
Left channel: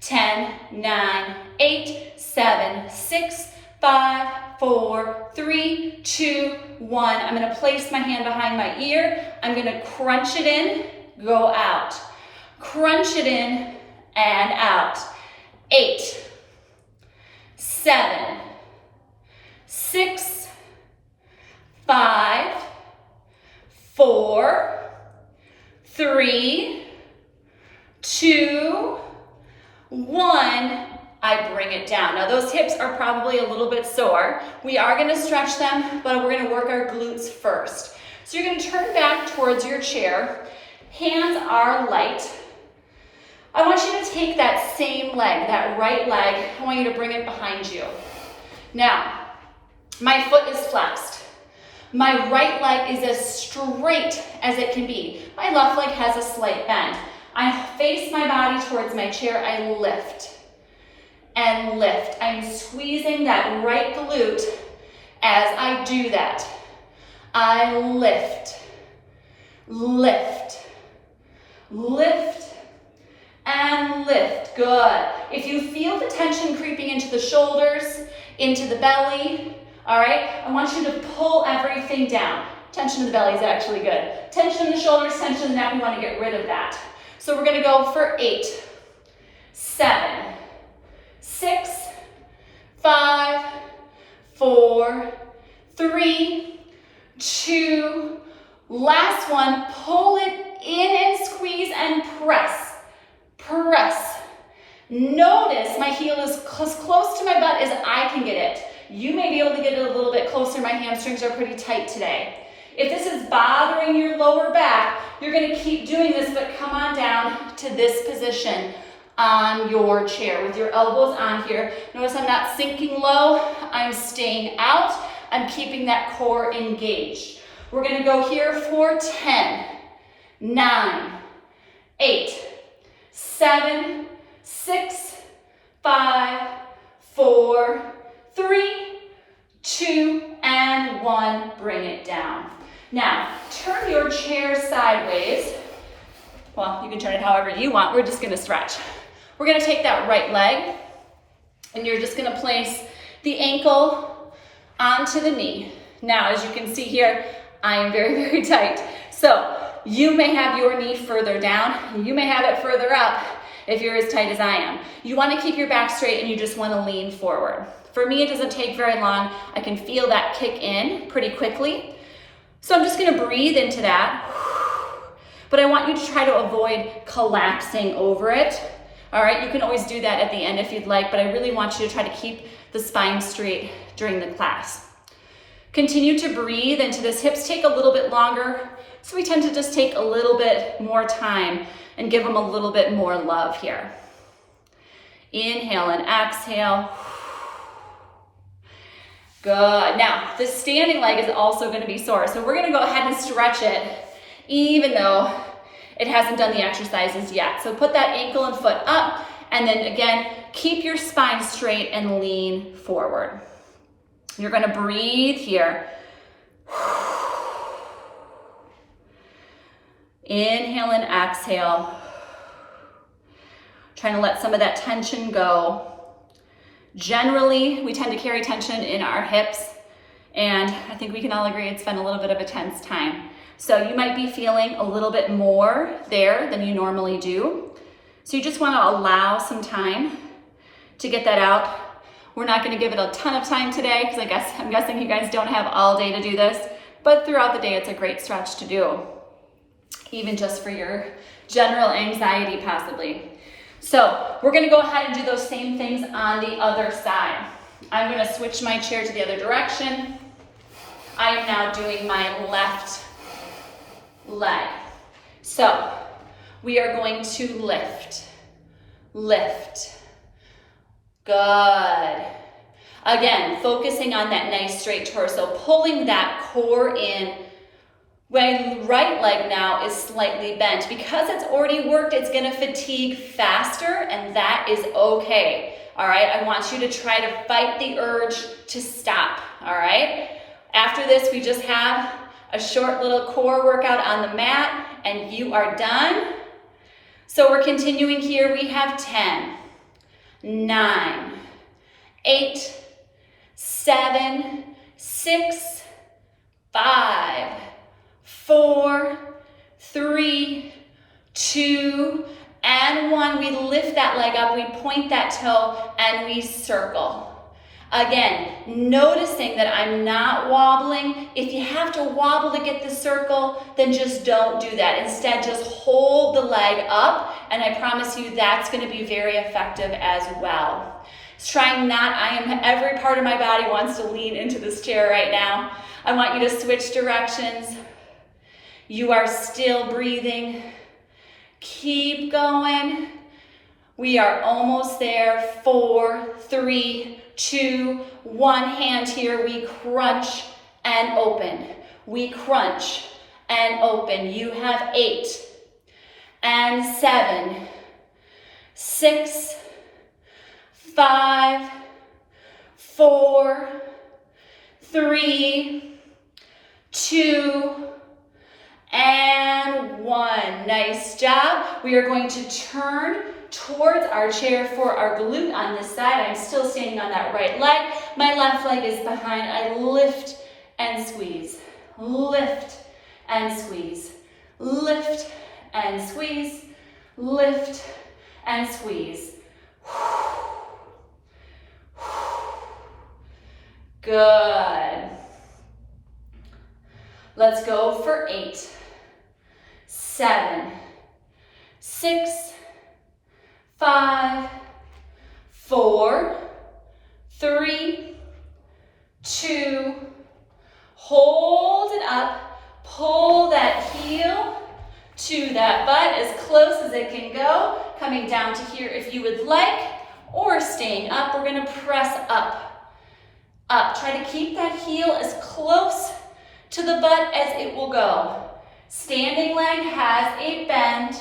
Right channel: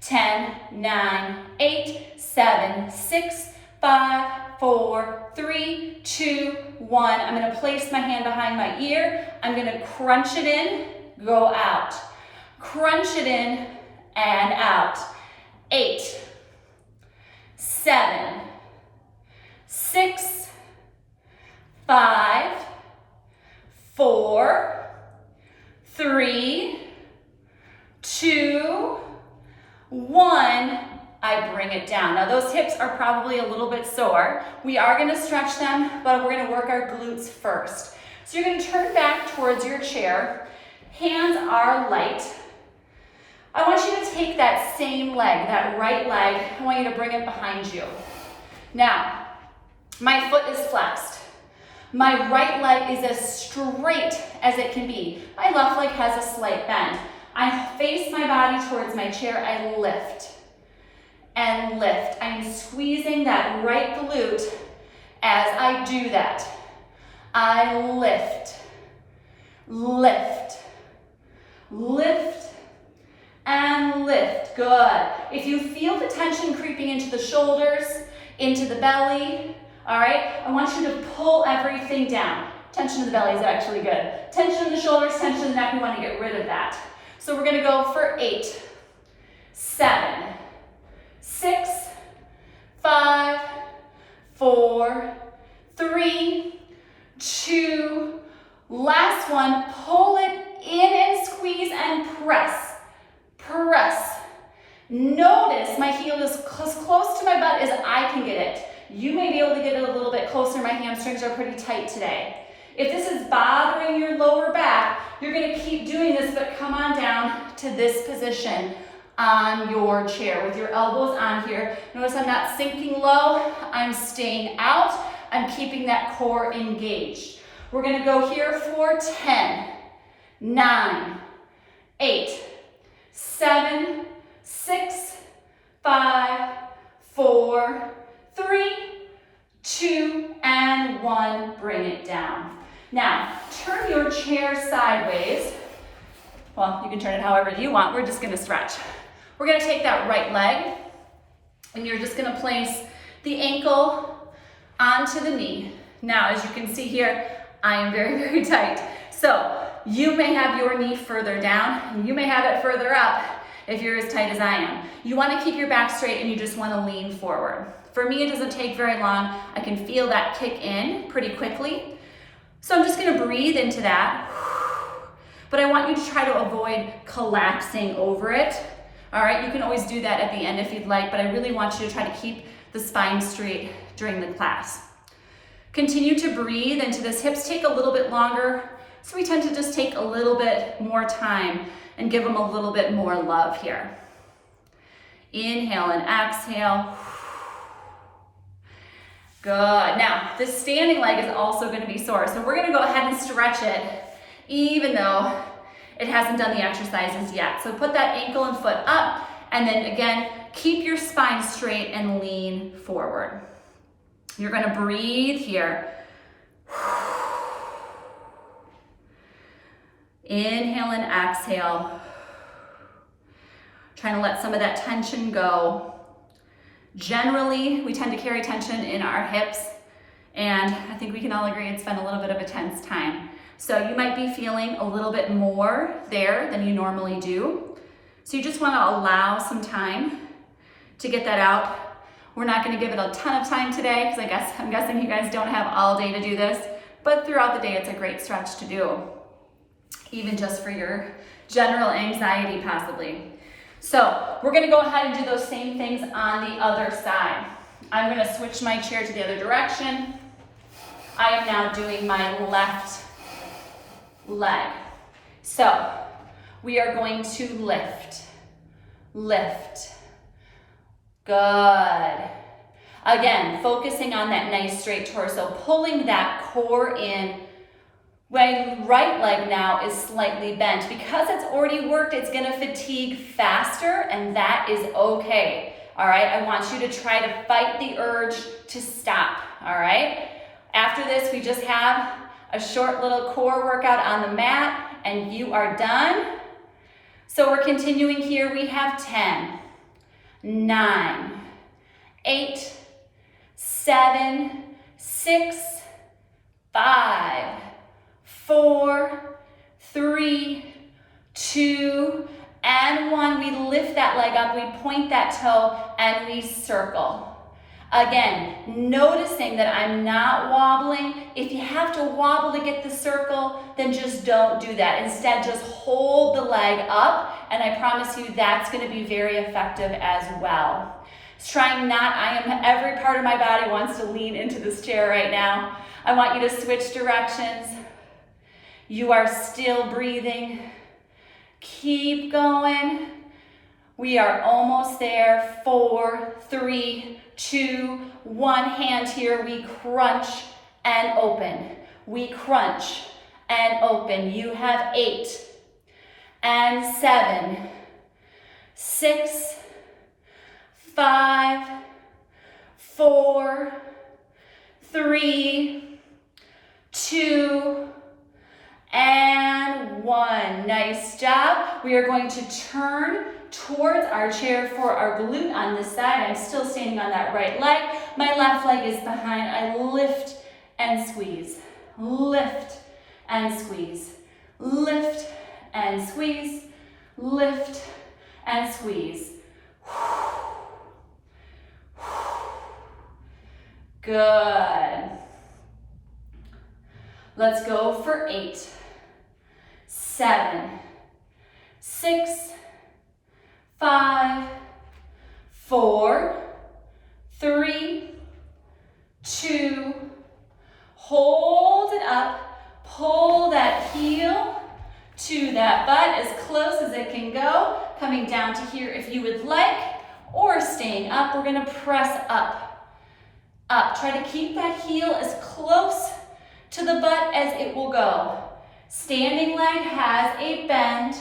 10, 9, 8, 7, 6, 5, 4, 3, 2, 1. I'm gonna place my hand behind my ear. I'm gonna crunch it in, go out. Crunch it in and out. 8, 7, 6, 5, 4, 3, 2, 1, I bring it down. Now those hips are probably a little bit sore. We are gonna stretch them, but we're gonna work our glutes first. So you're gonna turn back towards your chair. Hands are light. I want you to take that same leg, that right leg, I want you to bring it behind you. Now, my foot is flexed. My right leg is as straight as it can be. My left leg has a slight bend. I face my body towards my chair. I lift and lift. I'm squeezing that right glute as I do that. I lift, lift, lift, and lift. Good. If you feel the tension creeping into the shoulders, into the belly, all right, I want you to pull everything down. Tension in the belly is actually good. Tension in the shoulders, tension in the neck, we want to get rid of that. So we're going to go for 8, 7, 6, 5, 4, 3, 2, last one, pull it in and squeeze and press, press. Notice my heel is as close to my butt as I can get it. You may be able to get it a little bit closer. My hamstrings are pretty tight today. If this is bothering your lower back, you're gonna keep doing this, but come on down to this position. on your chair with your elbows on here. Notice I'm not sinking low, I'm staying out, I'm keeping that core engaged. We're gonna go here for 10, 9, 8, 7, 6, 5, 4, 3, 2, and 1. Bring it down. Now, turn your chair sideways. Well, you can turn it however you want. We're just gonna stretch. We're gonna take that right leg, and you're just gonna place the ankle onto the knee. Now, as you can see here, I am very, very tight. So you may have your knee further down, and you may have it further up if you're as tight as I am. You wanna keep your back straight and you just wanna lean forward. For me, it doesn't take very long. I can feel that kick in pretty quickly. So I'm just gonna breathe into that. But I want you to try to avoid collapsing over it. All right, you can always do that at the end if you'd like, but I really want you to try to keep the spine straight during the class. Continue to breathe into this. Hips take a little bit longer, so we tend to just take a little bit more time and give them a little bit more love here. Inhale and exhale. Good. Now, this standing leg is also going to be sore, so we're going to go ahead and stretch it, even though it hasn't done the exercises yet. So put that ankle and foot up, and then again, keep your spine straight and lean forward. You're going to breathe here. Inhale and exhale. Trying to let some of that tension go. Generally, we tend to carry tension in our hips, and I think we can all agree it's been a little bit of a tense time. So you might be feeling a little bit more there than you normally do. So you just want to allow some time to get that out. We're not going to give it a ton of time today because I'm guessing you guys don't have all day to do this, but throughout the day it's a great stretch to do, even just for your general anxiety possibly. So we're going to go ahead and do those same things on the other side. I'm going to switch my chair to the other direction. I am now doing my left leg. So we are going to lift, lift. Good. Again, focusing on that nice straight torso, pulling that core in. My right leg now is slightly bent. Because it's already worked, it's gonna fatigue faster, and that is okay. All right, I want you to try to fight the urge to stop, all right? After this, we just have a short little core workout on the mat, and you are done. So we're continuing here. We have 10, 9, 8, 7, 6, 5, 4, 3, 2, and 1. We lift that leg up, we point that toe, and we circle. Again, noticing that I'm not wobbling. If you have to wobble to get the circle, then just don't do that. Instead, just hold the leg up, and I promise you that's going to be very effective as well. Every part of my body wants to lean into this chair right now. I want you to switch directions. You are still breathing. Keep going. We are almost there. 4, 3, 2, 1. Hand here. We crunch and open. We crunch and open. You have 8 and 7, 6, 5, 4, 3, 2, and 1. Nice job. We are going to turn towards our chair for our glute on this side. I'm still standing on that right leg. My left leg is behind. I lift and squeeze. Lift and squeeze. Lift and squeeze. Lift and squeeze. Good. Let's go for 8, 7, 6, 5, 4, 3, 2, hold it up, pull that heel to that butt as close as it can go, coming down to here if you would like, or staying up. We're gonna press up, up. Try to keep that heel as close to the butt as it will go. Standing leg has a bend.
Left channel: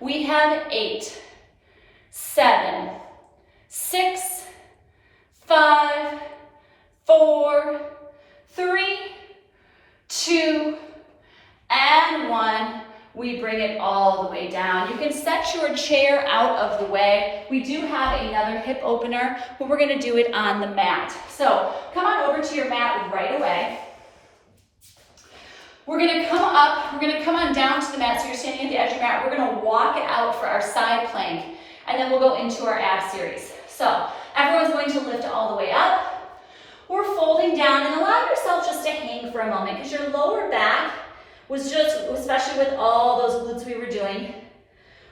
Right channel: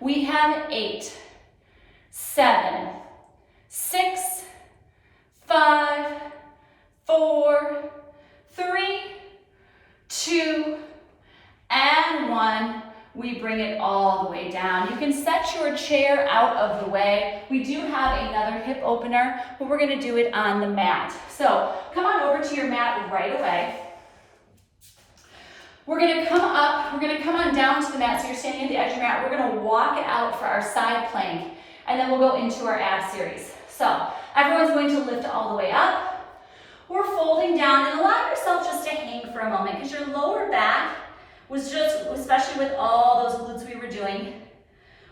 We have 8, 7, 6, 5, 4, 3, 2, and 1. We bring it all the way down. You can set your chair out of the way. We do have another hip opener, but we're gonna do it on the mat. So come on over to your mat right away. We're gonna come up, we're gonna come on down to the mat, so you're standing at the edge of your mat. We're gonna walk it out for our side plank, and then we'll go into our ab series. So everyone's going to lift all the way up. We're folding down, and allow yourself just to hang for a moment, because your lower back was just, especially with all those glutes we were doing,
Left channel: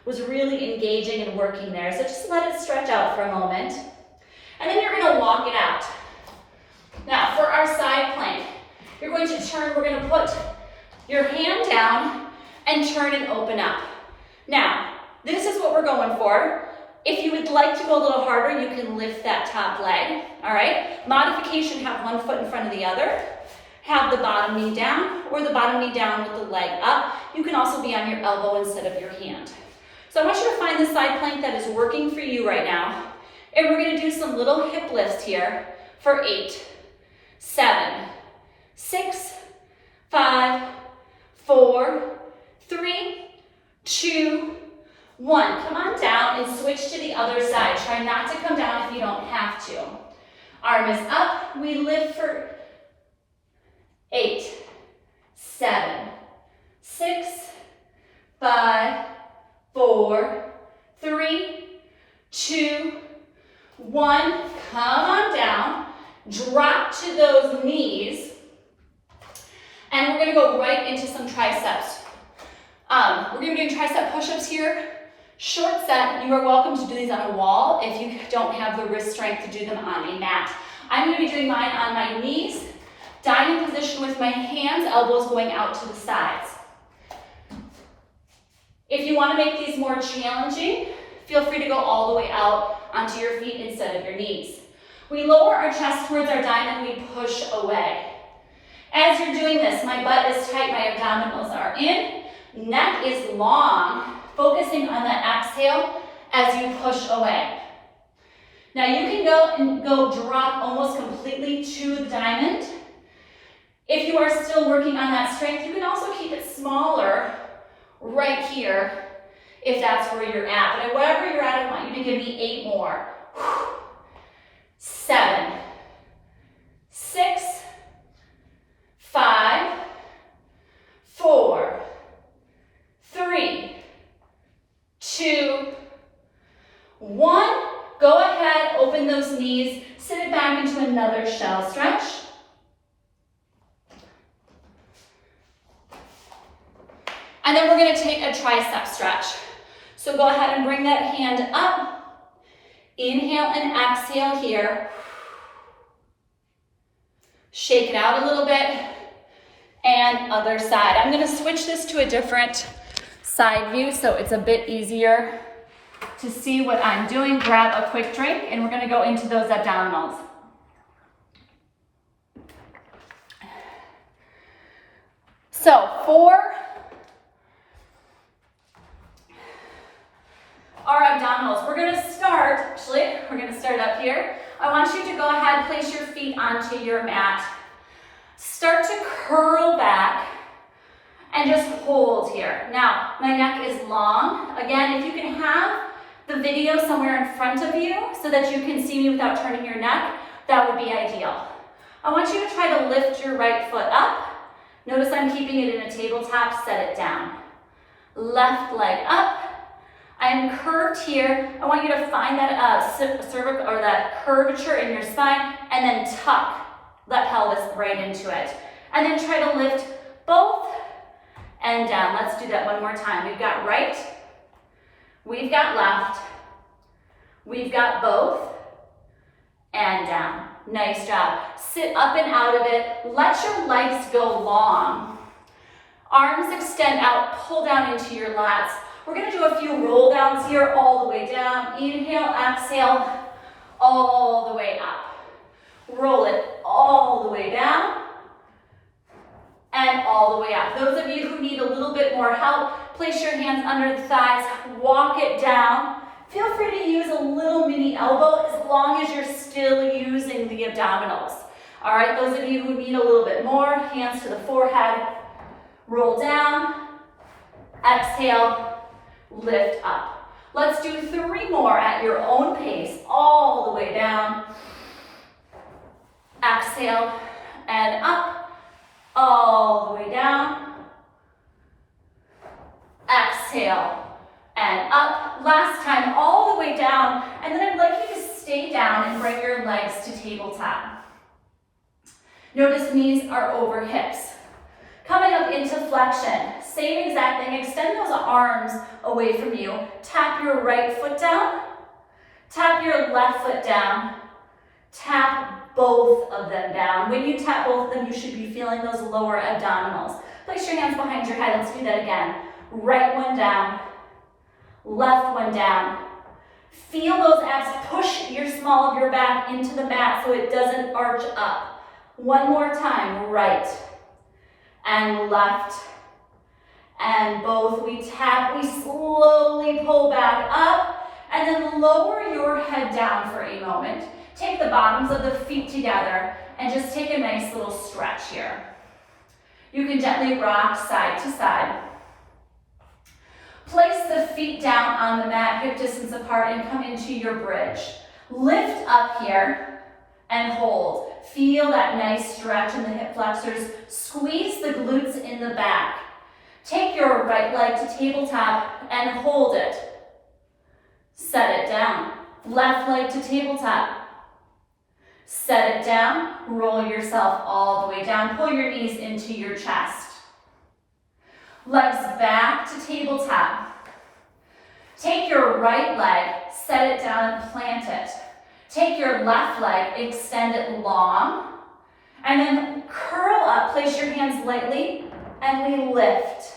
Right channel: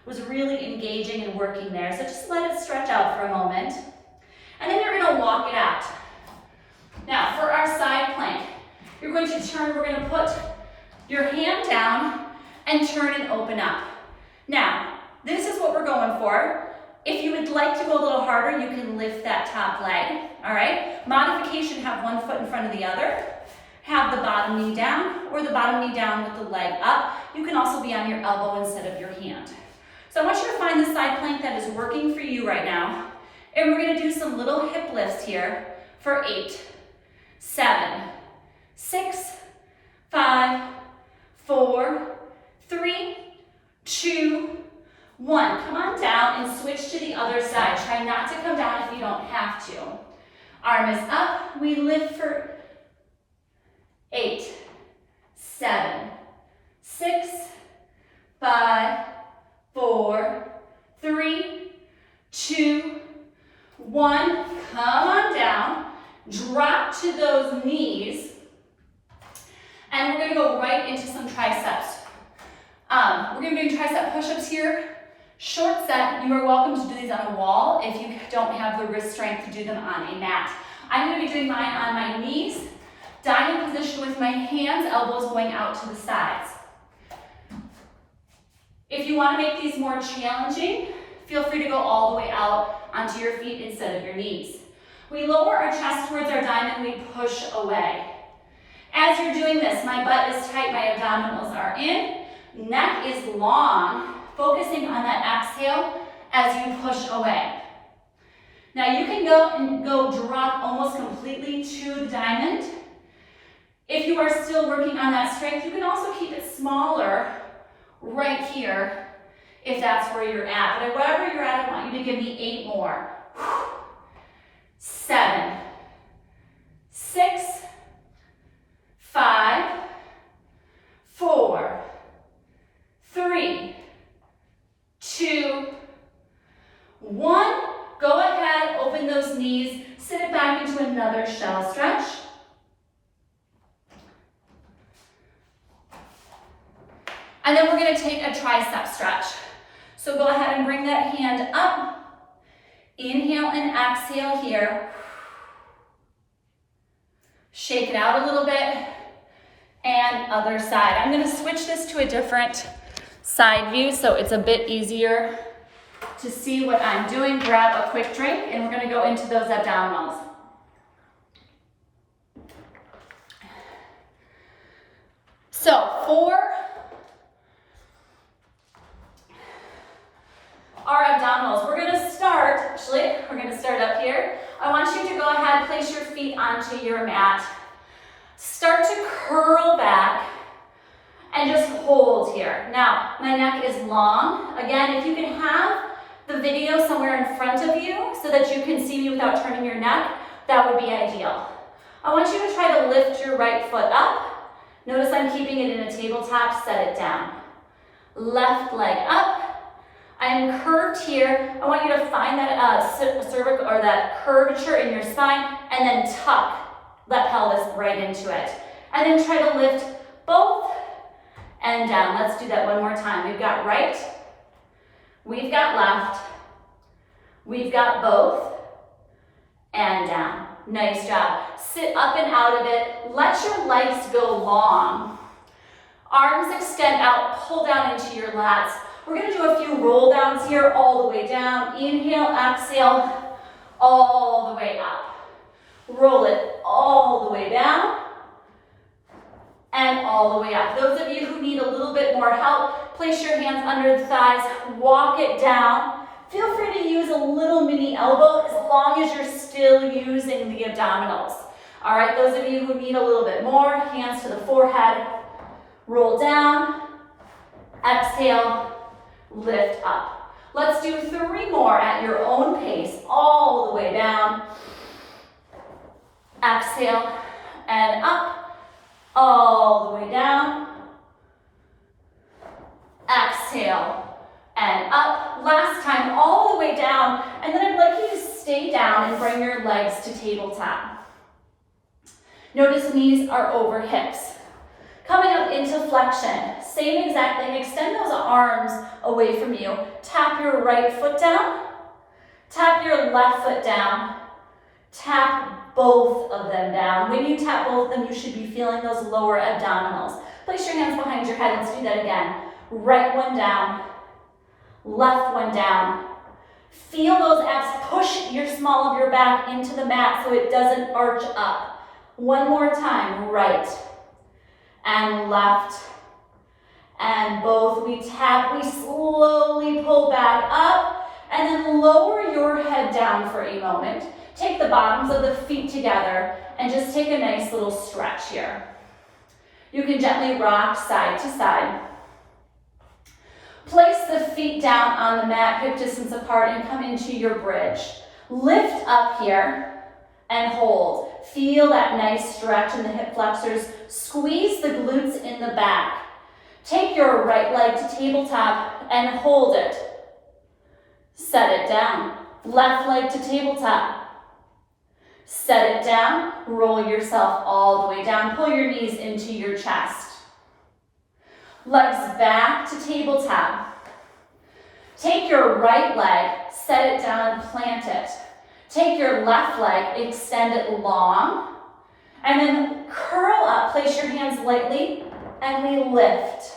was really engaging and working there. So just let it stretch out for a moment. And then you're gonna walk it out. Now for our side plank, you're going to turn, we're gonna put your hand down and turn and open up. Now, this is what we're going for. If you would like to go a little harder, you can lift that top leg, all right? Modification, have one foot in front of the other. Have the bottom knee down, or the bottom knee down with the leg up. You can also be on your elbow instead of your hand. So I want you to find the side plank that is working for you right now. And we're gonna do some little hip lifts here for 8, 7, 6, 5, 4, 3, 2, 1. Come on down and switch to the other side. Try not to come down if you don't have to. Arm is up, we lift for 8, 7, 6, 5, 4, 3, 2, 1. Come on down, drop to those knees, and we're gonna go right into some triceps. We're gonna be doing tricep push-ups here. Short set, you are welcome to do these on a wall if you don't have the wrist strength to do them on a mat. I'm gonna be doing mine on my knees, diamond position with my hands, elbows going out to the sides. If you wanna make these more challenging, feel free to go all the way out onto your feet instead of your knees. We lower our chest towards our diamond, we push away. As you're doing this, my butt is tight, my abdominals are in, neck is long, focusing on that exhale as you push away. Now you can go drop almost completely to the diamond. If you are still working on that strength, you can also keep it smaller right here if that's where you're at. But wherever you're at, I want you to give me 8 more. 7, 6, 5, 4, 3, 2, 1. Go ahead, open those knees, sit it back into another shell stretch. And then we're gonna take a tricep stretch. So go ahead and bring that hand up. Inhale and exhale here. Shake it out a little bit. And other side. I'm gonna switch this to a different side view so it's a bit easier to see what I'm doing. Grab a quick drink and we're gonna go into those abdominals. So for our abdominals, we're gonna start up here. I want you to go ahead, place your feet onto your mat. Start to curl back and just hold here. Now, my neck is long. Again, if you can have the video somewhere in front of you so that you can see me without turning your neck, that would be ideal. I want you to try to lift your right foot up. Notice I'm keeping it in a tabletop, set it down. Left leg up. I am curved here. I want you to find that cervical or that curvature in your spine and then tuck that pelvis right into it. And then try to lift both and down. Let's do that one more time. We've got right, we've got left, we've got both, and down. Nice job. Sit up and out of it. Let your legs go long. Arms extend out, pull down into your lats. We're gonna do a few roll downs here, all the way down. Inhale, exhale, all the way up. Roll it all the way down and all the way up. Those of you who need a little bit more help, place your hands under the thighs, walk it down. Feel free to use a little mini elbow as long as you're still using the abdominals. All right, those of you who need a little bit more, hands to the forehead, roll down, exhale, lift up. Let's do 3 more at your own pace, all the way down. Exhale and up, all the way down. Exhale and up. Last time, all the way down. And then I'd like you to stay down and bring your legs to tabletop. Notice knees are over hips. Coming up into flexion, same exact thing. Extend those arms away from you. Tap your right foot down. Tap your left foot down. Tap both of them down. When you tap both of them, you should be feeling those lower abdominals. Place your hands behind your head. Let's do that again. Right one down. Left one down. Feel those abs. Push your small of your back into the mat so it doesn't arch up. One more time. Right and left and both. We tap, we slowly pull back up and then lower your head down for a moment. Take the bottoms of the feet together and just take a nice little stretch here. You can gently rock side to side. Place the feet down on the mat, hip distance apart, and come into your bridge. Lift up here and hold. Feel that nice stretch in the hip flexors. Squeeze the glutes in the back. Take your right leg to tabletop and hold it. Set it down. Left leg to tabletop. Set it down. Roll yourself all the way down. Pull your knees into your chest. Legs back to tabletop. Take your right leg, set it down and plant it. Take your left leg, extend it long, and then curl up. Place your hands lightly, and we lift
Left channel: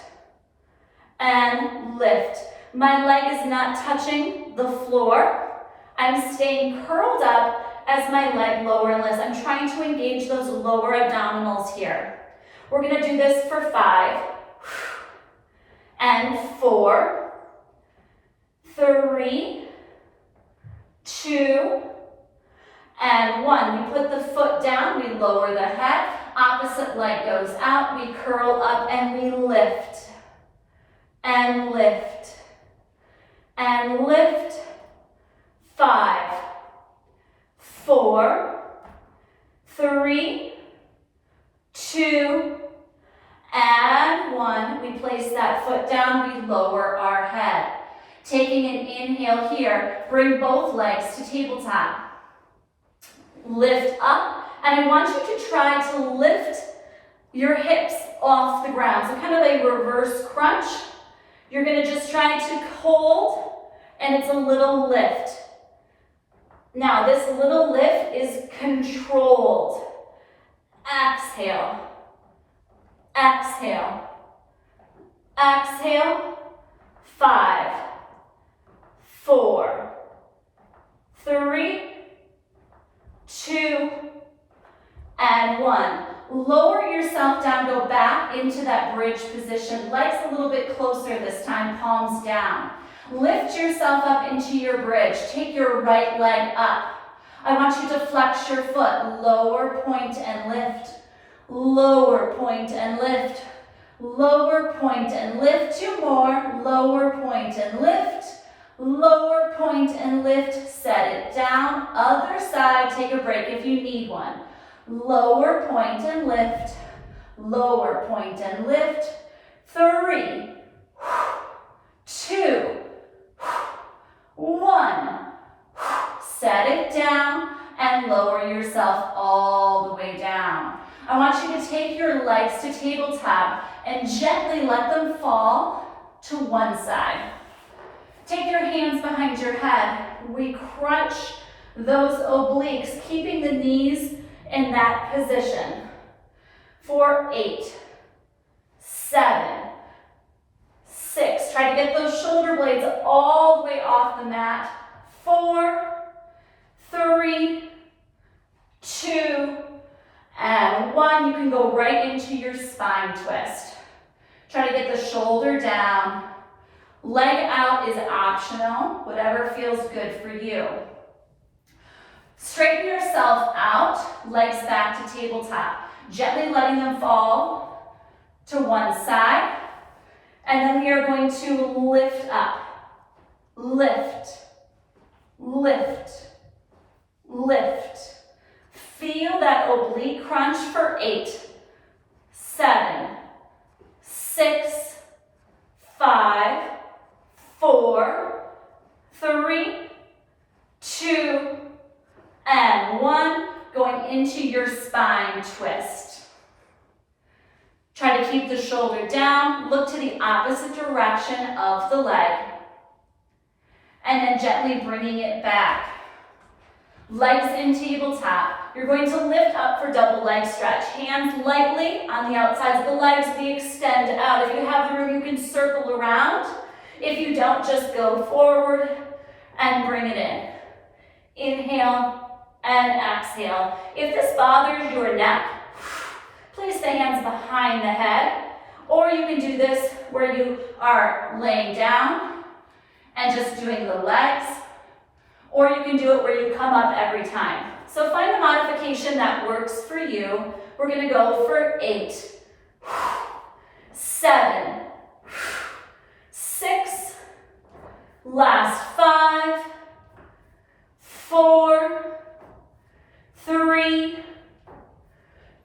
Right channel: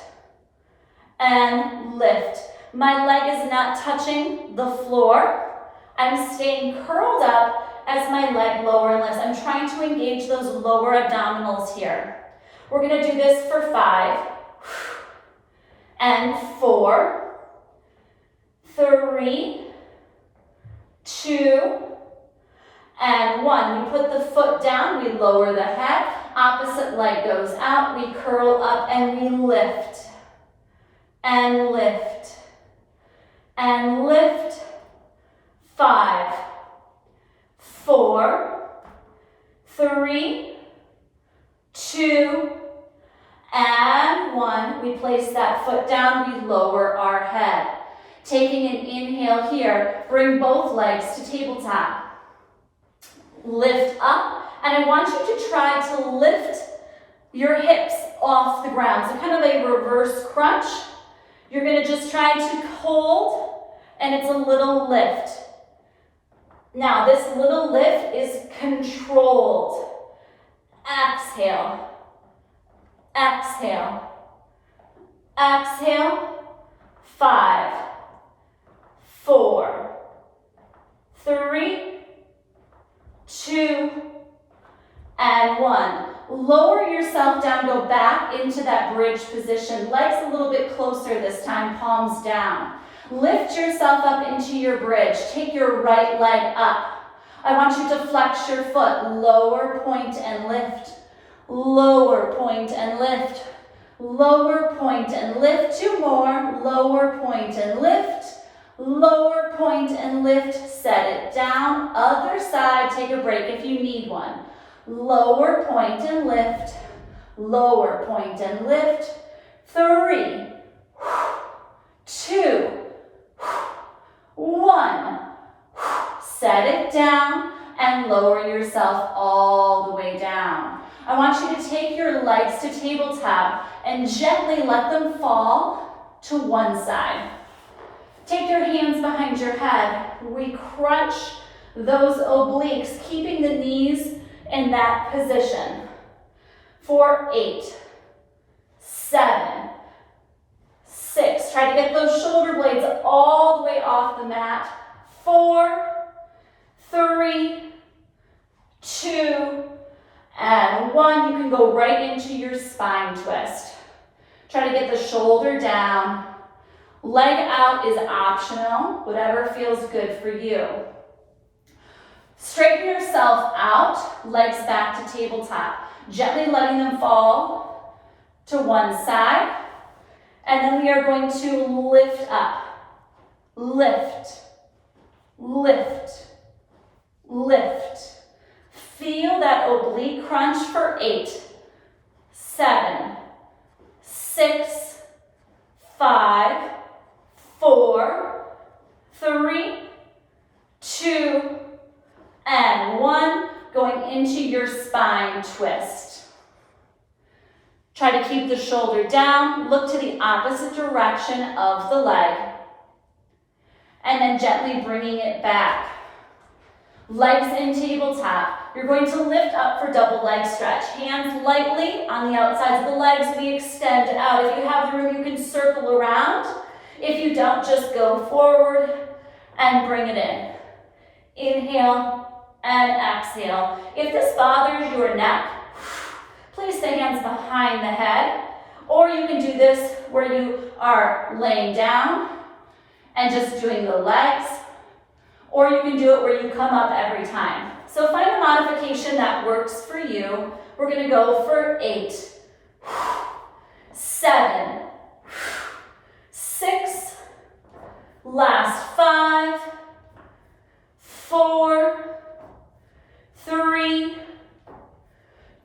and lift. My leg is not touching the floor. I'm staying curled up as my leg lower lifts. I'm trying to engage those lower abdominals here. We're going to do this for 5 and 4, 3, 2, and 1. We put the foot down, we lower the head, opposite leg goes out, we curl up and we lift, and lift, and lift. 5, 4, 3, 2, and 1. We place that foot down, we lower our head. Taking an inhale here, bring both legs to tabletop. Lift up, and I want you to try to lift your hips off the ground. So kind of a reverse crunch. You're going to just try to hold, and it's a little lift. Now, this little lift is controlled. Exhale, exhale, exhale. 5, 4, 3, 2, and 1. Lower yourself down, go back into that bridge position. Legs a little bit closer this time, palms down. Lift yourself up into your bridge. Take your right leg up. I want you to flex your foot. Lower, point, and lift. Lower, point, and lift. Lower, point, and lift. 2 more. Lower, point, and lift. Lower, point, and lift. Set it down. Other side. Take a break if you need one. Lower, point, and lift. Lower, point, and lift. 3, 2, 1. Set it down and lower yourself all the way down. I want you to take your legs to tabletop and gently let them fall to one side. Take your hands behind your head. We crunch those obliques, keeping the knees in that position. For 8, 7, 6. Try to get those shoulder blades all the way off the mat. 4, 3, 2, and 1. You can go right into your spine twist. Try to get the shoulder down. Leg out is optional, whatever feels good for you. Straighten yourself out, legs back to tabletop. Gently letting them fall to one side. And then we are going to lift up. Lift, lift, lift. Feel that oblique crunch for 8, 7, 6, 5, 4, 3, 2, and 1. Going into your spine twist. Try to keep the shoulder down. Look to the opposite direction of the leg. And then gently bringing it back. Legs in tabletop. You're going to lift up for double leg stretch. Hands lightly on the outsides of the legs. We extend out. If you have the room, you can circle around. If you don't, just go forward and bring it in. Inhale and exhale. If this bothers your neck, place the hands behind the head. Or you can do this where you are laying down and just doing the legs. Or you can do it where you come up every time. So find a modification that works for you. We're going to go for 8, 7, 6, last 5, 4, 3,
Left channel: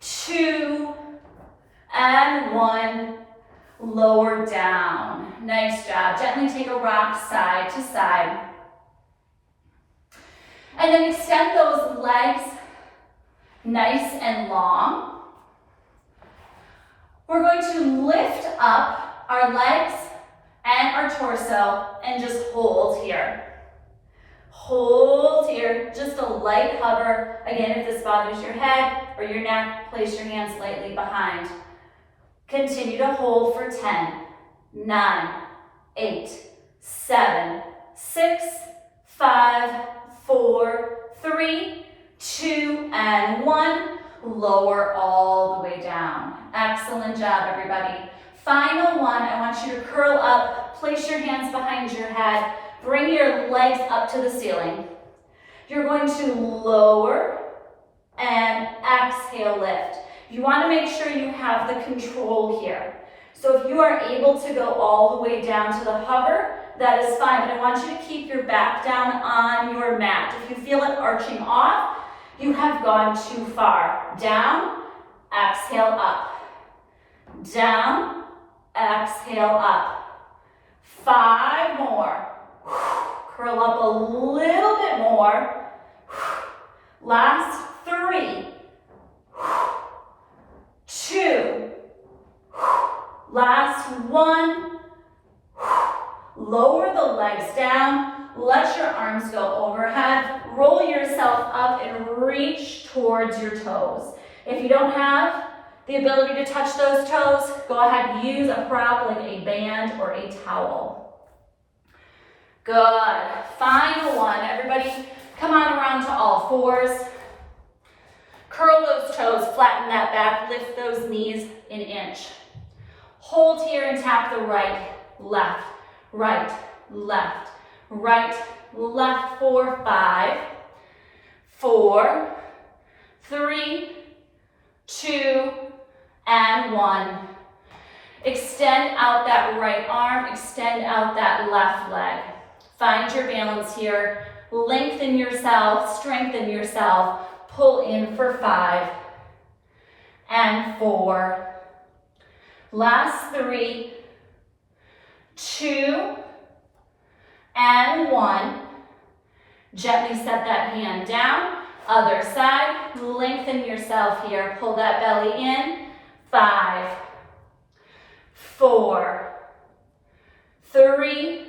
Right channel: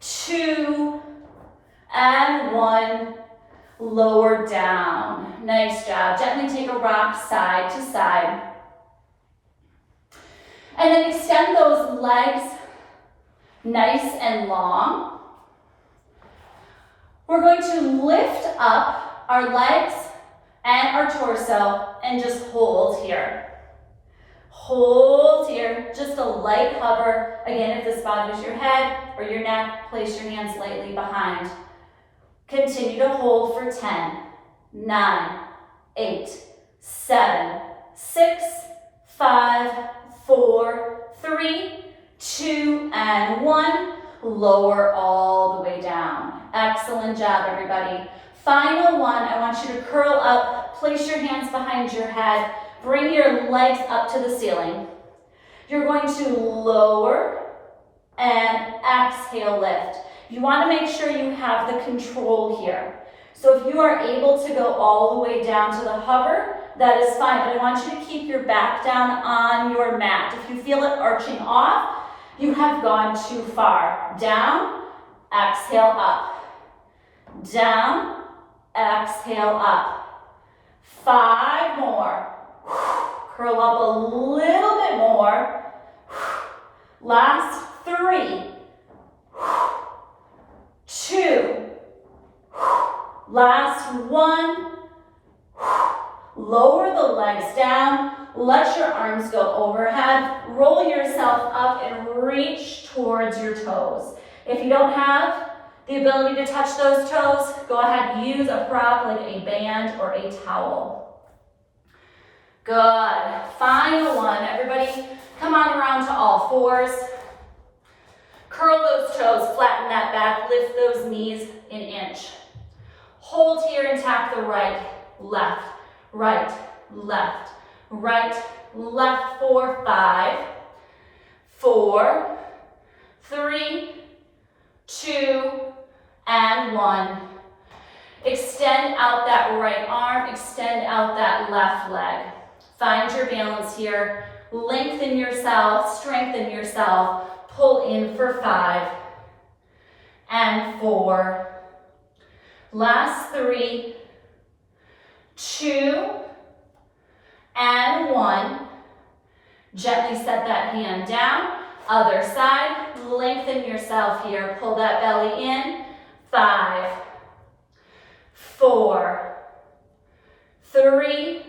2, and 1. Lower down. Nice job. Gently take a rock side to side. And then extend those legs nice and long. We're going to lift up our legs and our torso and just hold here. Hold here, just a light hover. Again, if this bothers your head or your neck, place your hands lightly behind. Continue to hold for 10, 9, 8, 7, 6, 5, 4, 3, 2, and 1. Lower all the way down. Excellent job, everybody. Final one, I want you to curl up, place your hands behind your head, bring your legs up to the ceiling. You're going to lower and exhale, lift. You want to make sure you have the control here. So if you are able to go all the way down to the hover, that is fine, but I want you to keep your back down on your mat. If you feel it arching off, you have gone too far. Down, exhale up. Down, exhale up. 5 more. Curl up a little bit more. Last 3, 2, last 1. Lower the legs down, let your arms go overhead, roll yourself up and reach towards your toes. If you don't have the ability to touch those toes, go ahead and use a prop like a band or a towel. Good. Final one. Everybody come on around to all fours. Curl those toes, flatten that back, lift those knees an inch. Hold here and tap the right, left, right, left, right, left for 5, 4, 3, 2, and 1. Extend out that right arm, extend out that left leg. Find your balance here. Lengthen yourself, strengthen yourself. Pull in for 5 and 4. Last 3, 2, and 1. Gently set that hand down. Other side, lengthen yourself here. Pull that belly in. 5, 4, 3,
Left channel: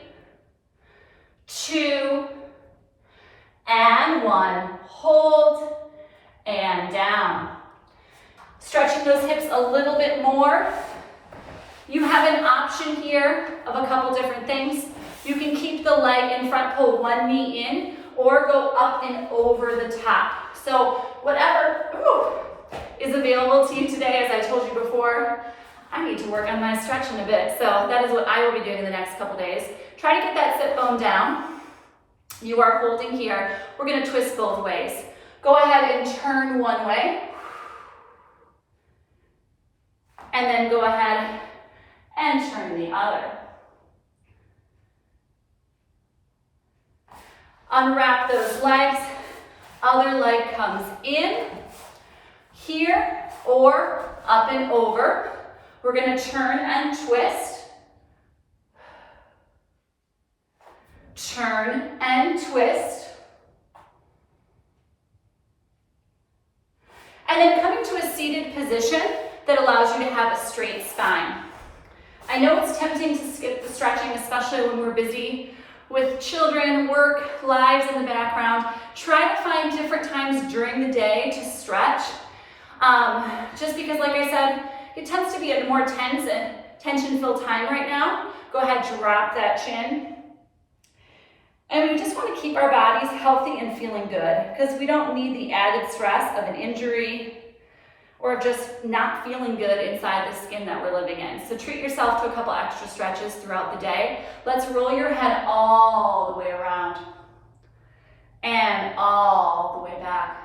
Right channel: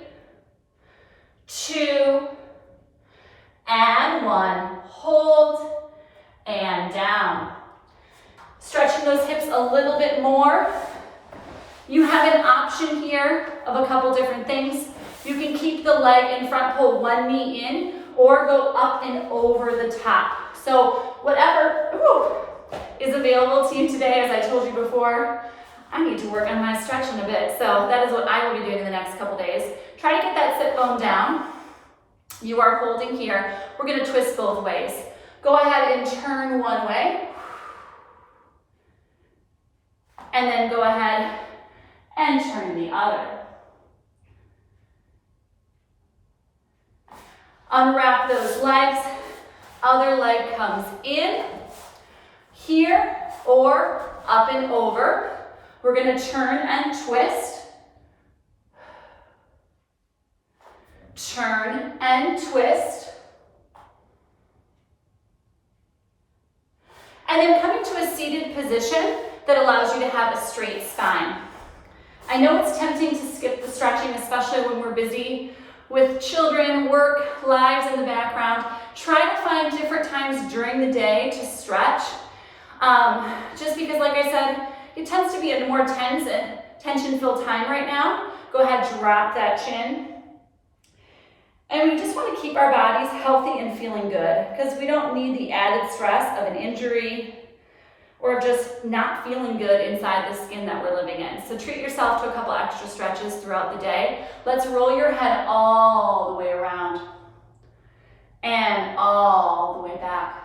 2, and 1. Hold and down. Stretching those hips a little bit more. You have an option here of a couple different things. You can keep the leg in front, pull one knee in, or go up and over the top. So whatever is available to you today. As I told you before, I need to work on my stretching a bit. So that is what I will be doing in the next couple days. Try to get that sit bone down. You are holding here. We're gonna twist both ways. Go ahead and turn one way. And then go ahead and turn the other. Unwrap those legs. Other leg comes in, here, or up and over. We're gonna turn and twist. Turn and twist. And then coming to a seated position that allows you to have a straight spine. I know it's tempting to skip the stretching, especially when we're busy with children, work, lives in the background. Try to find different times during the day to stretch. Just because, like I said, it tends to be a more tense and tension-filled time right now. Go ahead, drop that chin. And we just want to keep our bodies healthy and feeling good, because we don't need the added stress of an injury or just not feeling good inside the skin that we're living in. So treat yourself to a couple extra stretches throughout the day. Let's roll your head all the way around and all the way back.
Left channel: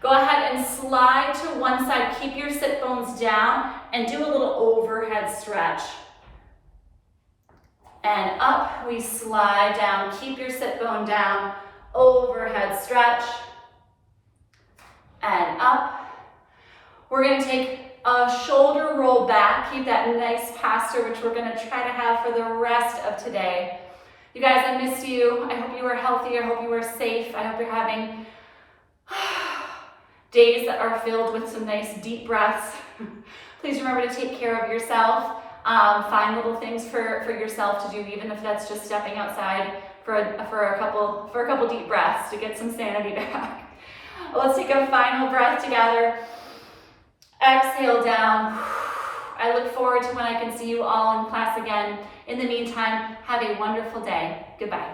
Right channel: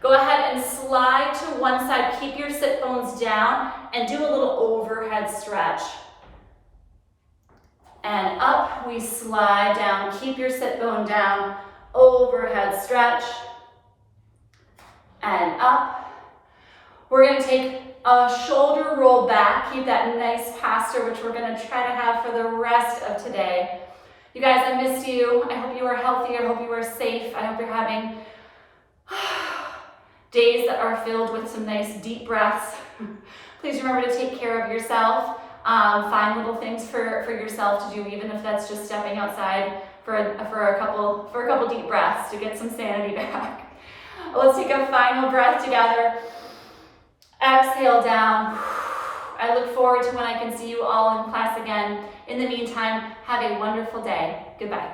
Go ahead and slide to one side. Keep your sit bones down and do a little overhead stretch. And up, we slide down. Keep your sit bone down. Overhead stretch. And up. We're gonna take a shoulder roll back. Keep that nice posture, which we're gonna try to have for the rest of today. You guys, I missed you. I hope you are healthy. I hope you are safe. I hope you're having days that are filled with some nice deep breaths. Please remember to take care of yourself. Find little things for yourself to do, even if that's just stepping outside for a couple deep breaths to get some sanity back. Let's take a final breath together. Exhale down. I look forward to when I can see you all in class again. In the meantime, have a wonderful day. Goodbye.